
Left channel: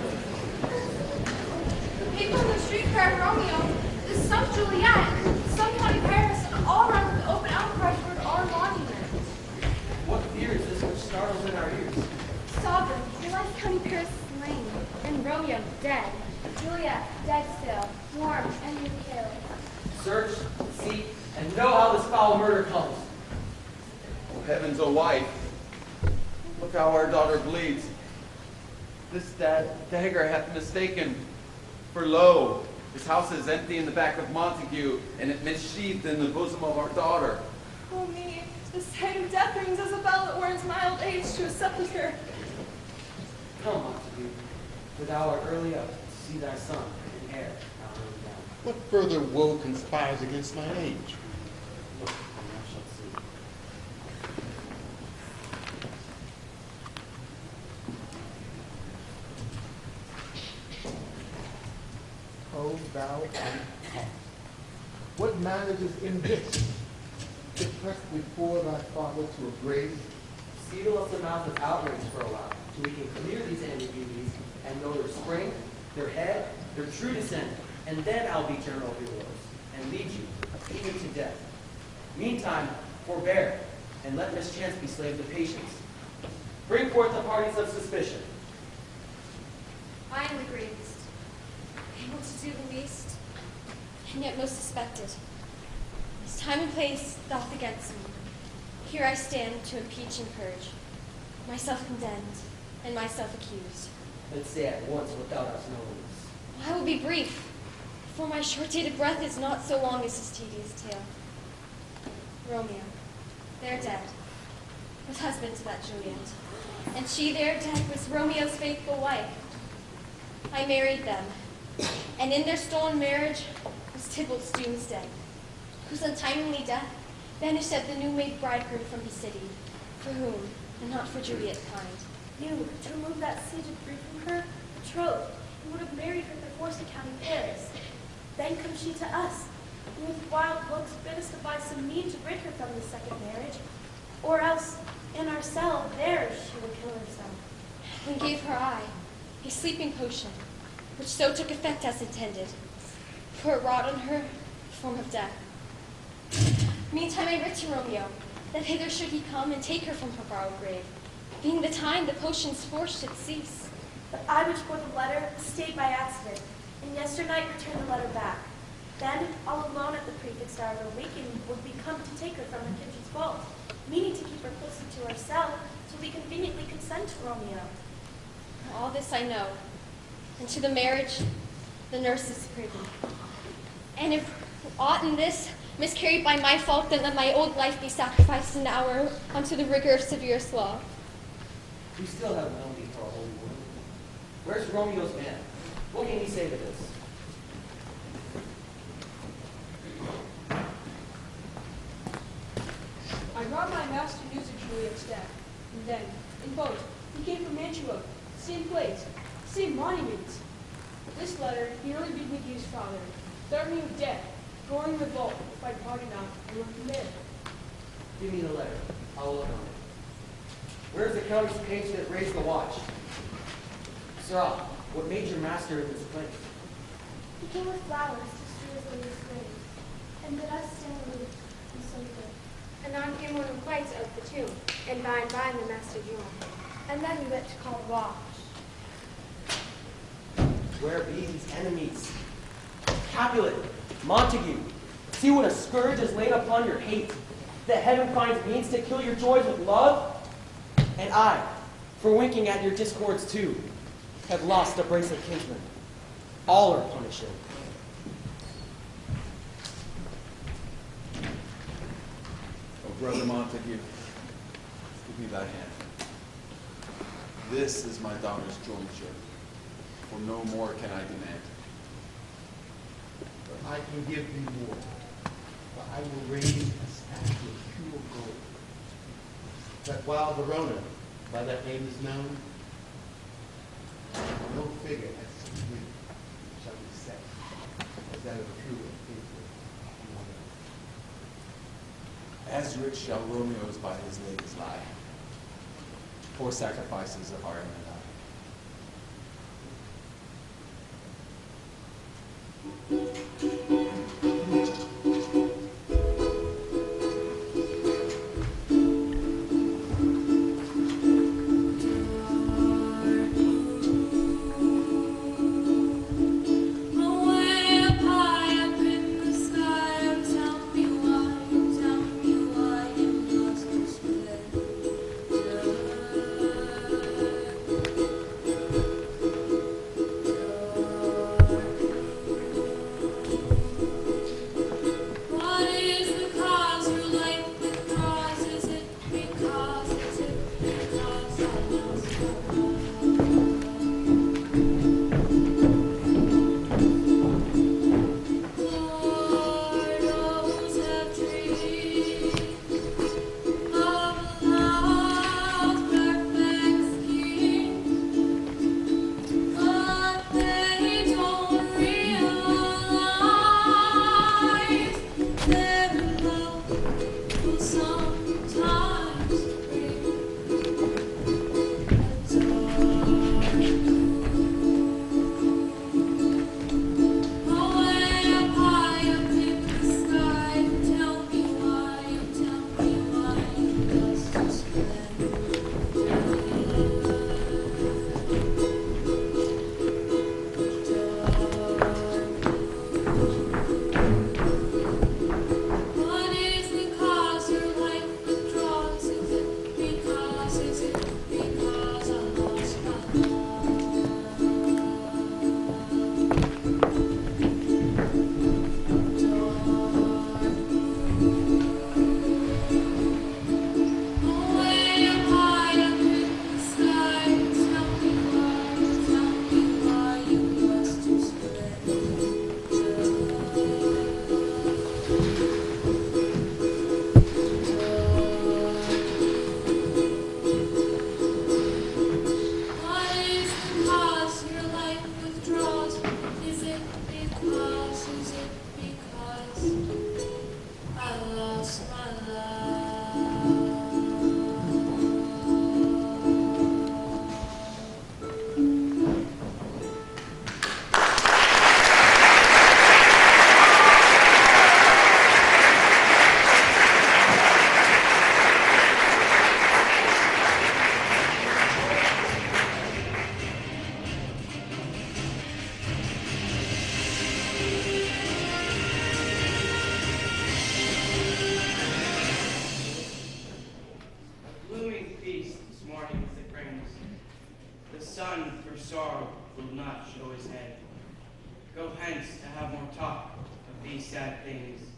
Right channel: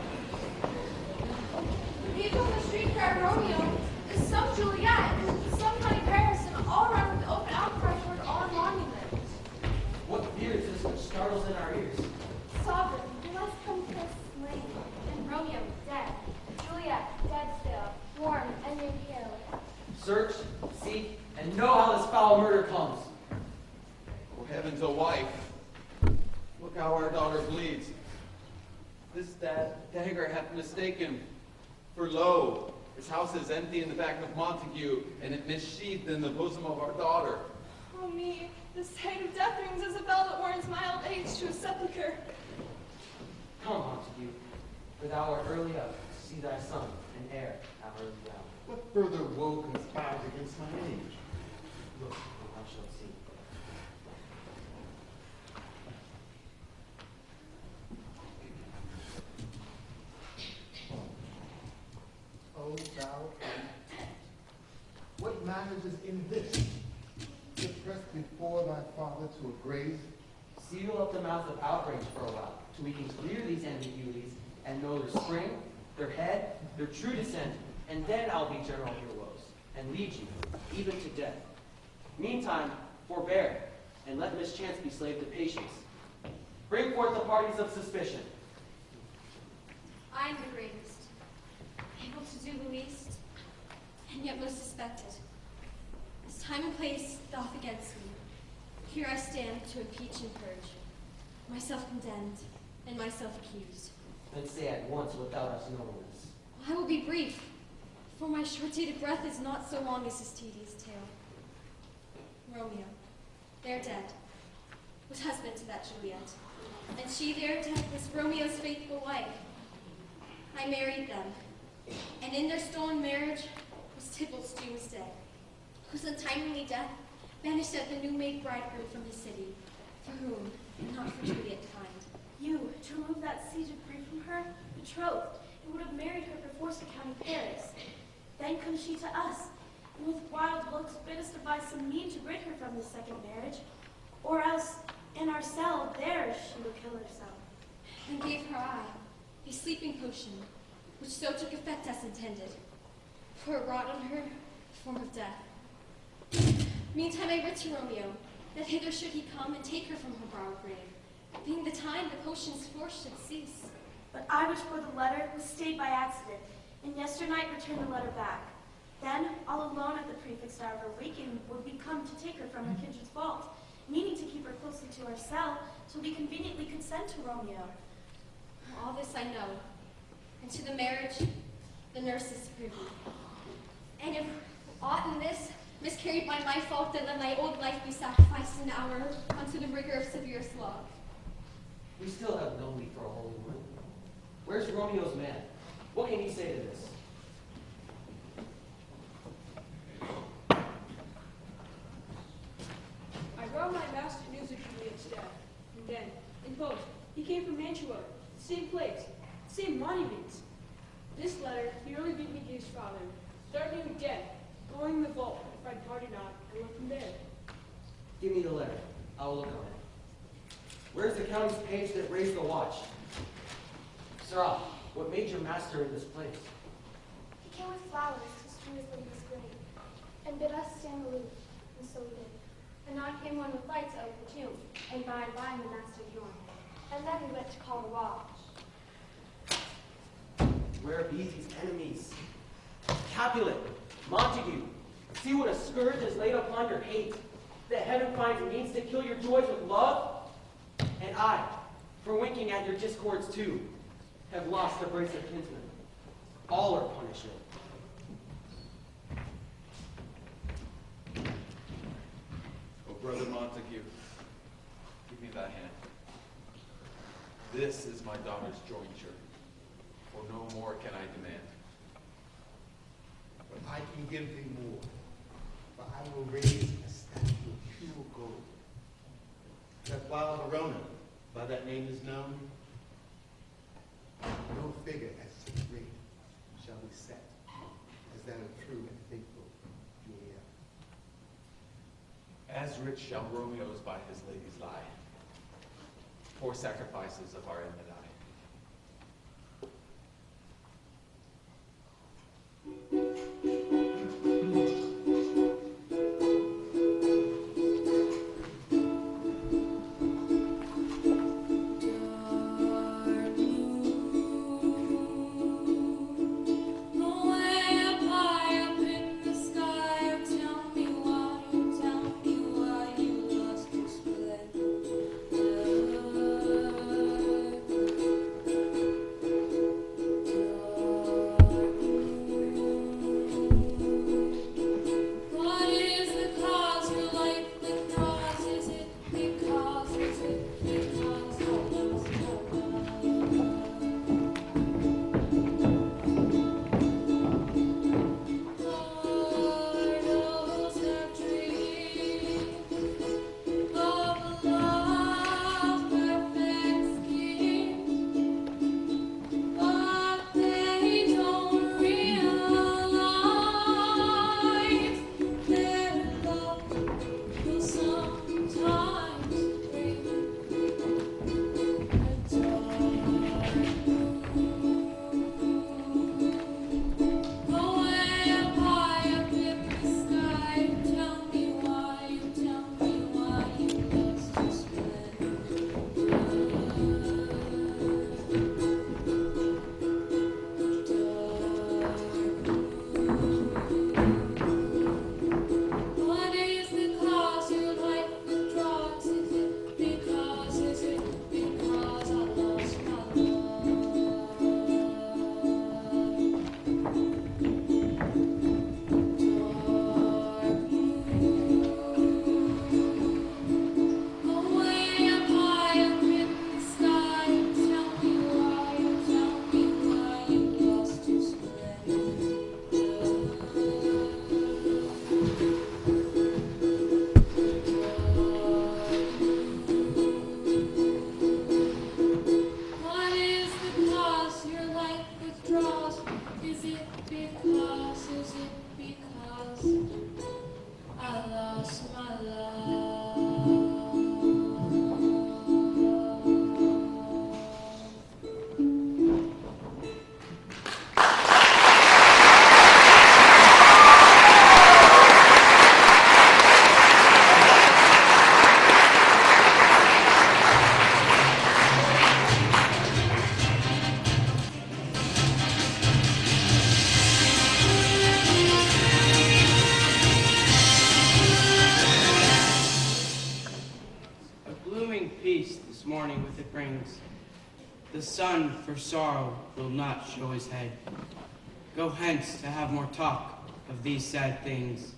People in the street cry Romeo. There's some Juliet, some bloody Paris, and all around the open outcry toward our monument. What fear is this which startles in our ears? Sovereign, your life County Paris is slain, and Romeo dead. Juliet dead still, warm and near killed. Search, seek, and know how this foul murder comes. Oh heavens, oh wife, look how our daughter bleeds. This dagger hath mistaken. For lo, his house is empty in the back of Montague, and it missheathed in the bosom of our daughter. Oh me, the sight of death brings Isabella or his mild age to a sepulchre. Come, Montague, for thou art early up to see thy son and heir now early down. What further woe conspires against my age? Look, and thou shalt see. O thou uncome, what manage is in this? To press before thy father to a grave? Seal up the mouth of outrage for a while, till we can clear these ambiguities and know their spring, their head, their true descent, and then I'll be general heroes and lead you, even to death. Meantime, forbear, and let mischance be slave to patience. Bring forth the parties of suspicion. I am the greatest, able to do the least, and yet most suspected. As time and place doth against me, here I stand to impeach and purge, myself condemned and myself accused. Let's say at once without us knowing this. I will be brief, for my short-dated breath is not so long as his tedious tale. Romeo, there dead, was husband to that Juliet, and she there dead was Romeo's faithful wife. I married them, and in their stolen marriage was Tybalt's doomsday, whose untimely death banished at the new-made bridegroom from the city, for whom, and not for Juliet kind. You, to remove that siege of grief from her, betrothed, and would have married her perforce to County Paris. Then comes she to us, and with wild looks bid us devise some mean to rid her from this second marriage, or else in our cell there she would kill herself. And gave her eye a sleeping potion, which so took effect as intended, for it wrought on her the form of death. Meantime I writ to Romeo, that hither should he come and take her from her borrowed grave, being the time the potion's force should cease. But I which bore the letter was stayed by accident, and yesternight returned the letter back. Then, all alone at the prefixed hour of her waking, would we come to take her from her kitchen's vault, meaning to keep her closely to our cell, till we conveniently consent to Romeo. All this I know, and to the marriage the nurse is privy. And if aught in this miscarried by my fault, then let my old life be sacrificed an hour unto the rigor of severe law. We still have no need for a holy woman. Where's Romeo's man? What can he say to this? I brought my master news of Juliet's death, and then, in post, he came from Mantua, same place, same monument. This letter he early bid me to his father, threatening me with death, going the vault if I departed not, and were committed. Give me the letter. I'll look on it. Where's the county's page that raised the watch? Sirrah, what made your master in this place? He came with flowers to strew his lady's grave, and bid us stand aloof and so good. Anon came one of the flights of the tomb, and by and by the master joined. And then we went to call the watch. Where be these enemies? Capulet, Montague, see what a scourge is laid upon your hate, that heaven finds means to kill your joys with love? And I, for winking at your discords too, have lost a brace of kinsmen. All are punishing. Oh, Brother Montague, give me thy hand. This is my daughter's jointure, for no more can I demand. But I can give thee more, for I will raise a statue of pure gold, that while Verona, by that name is known, no figure as so great shall be set as that of a true and faithful warrior. as rich shall Romeo's by his ladies lie. Poor sacrifices of art and eye. The sun for sorrow will not show his head. Go hence to have more talk of these sad things.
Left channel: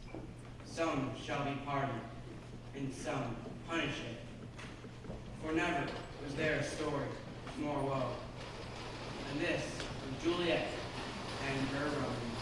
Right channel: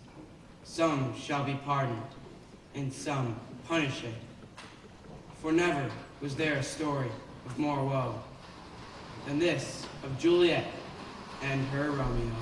Some shall be pardoned, and some punished. For never was there a story of more woe than this of Juliet and her Romeo.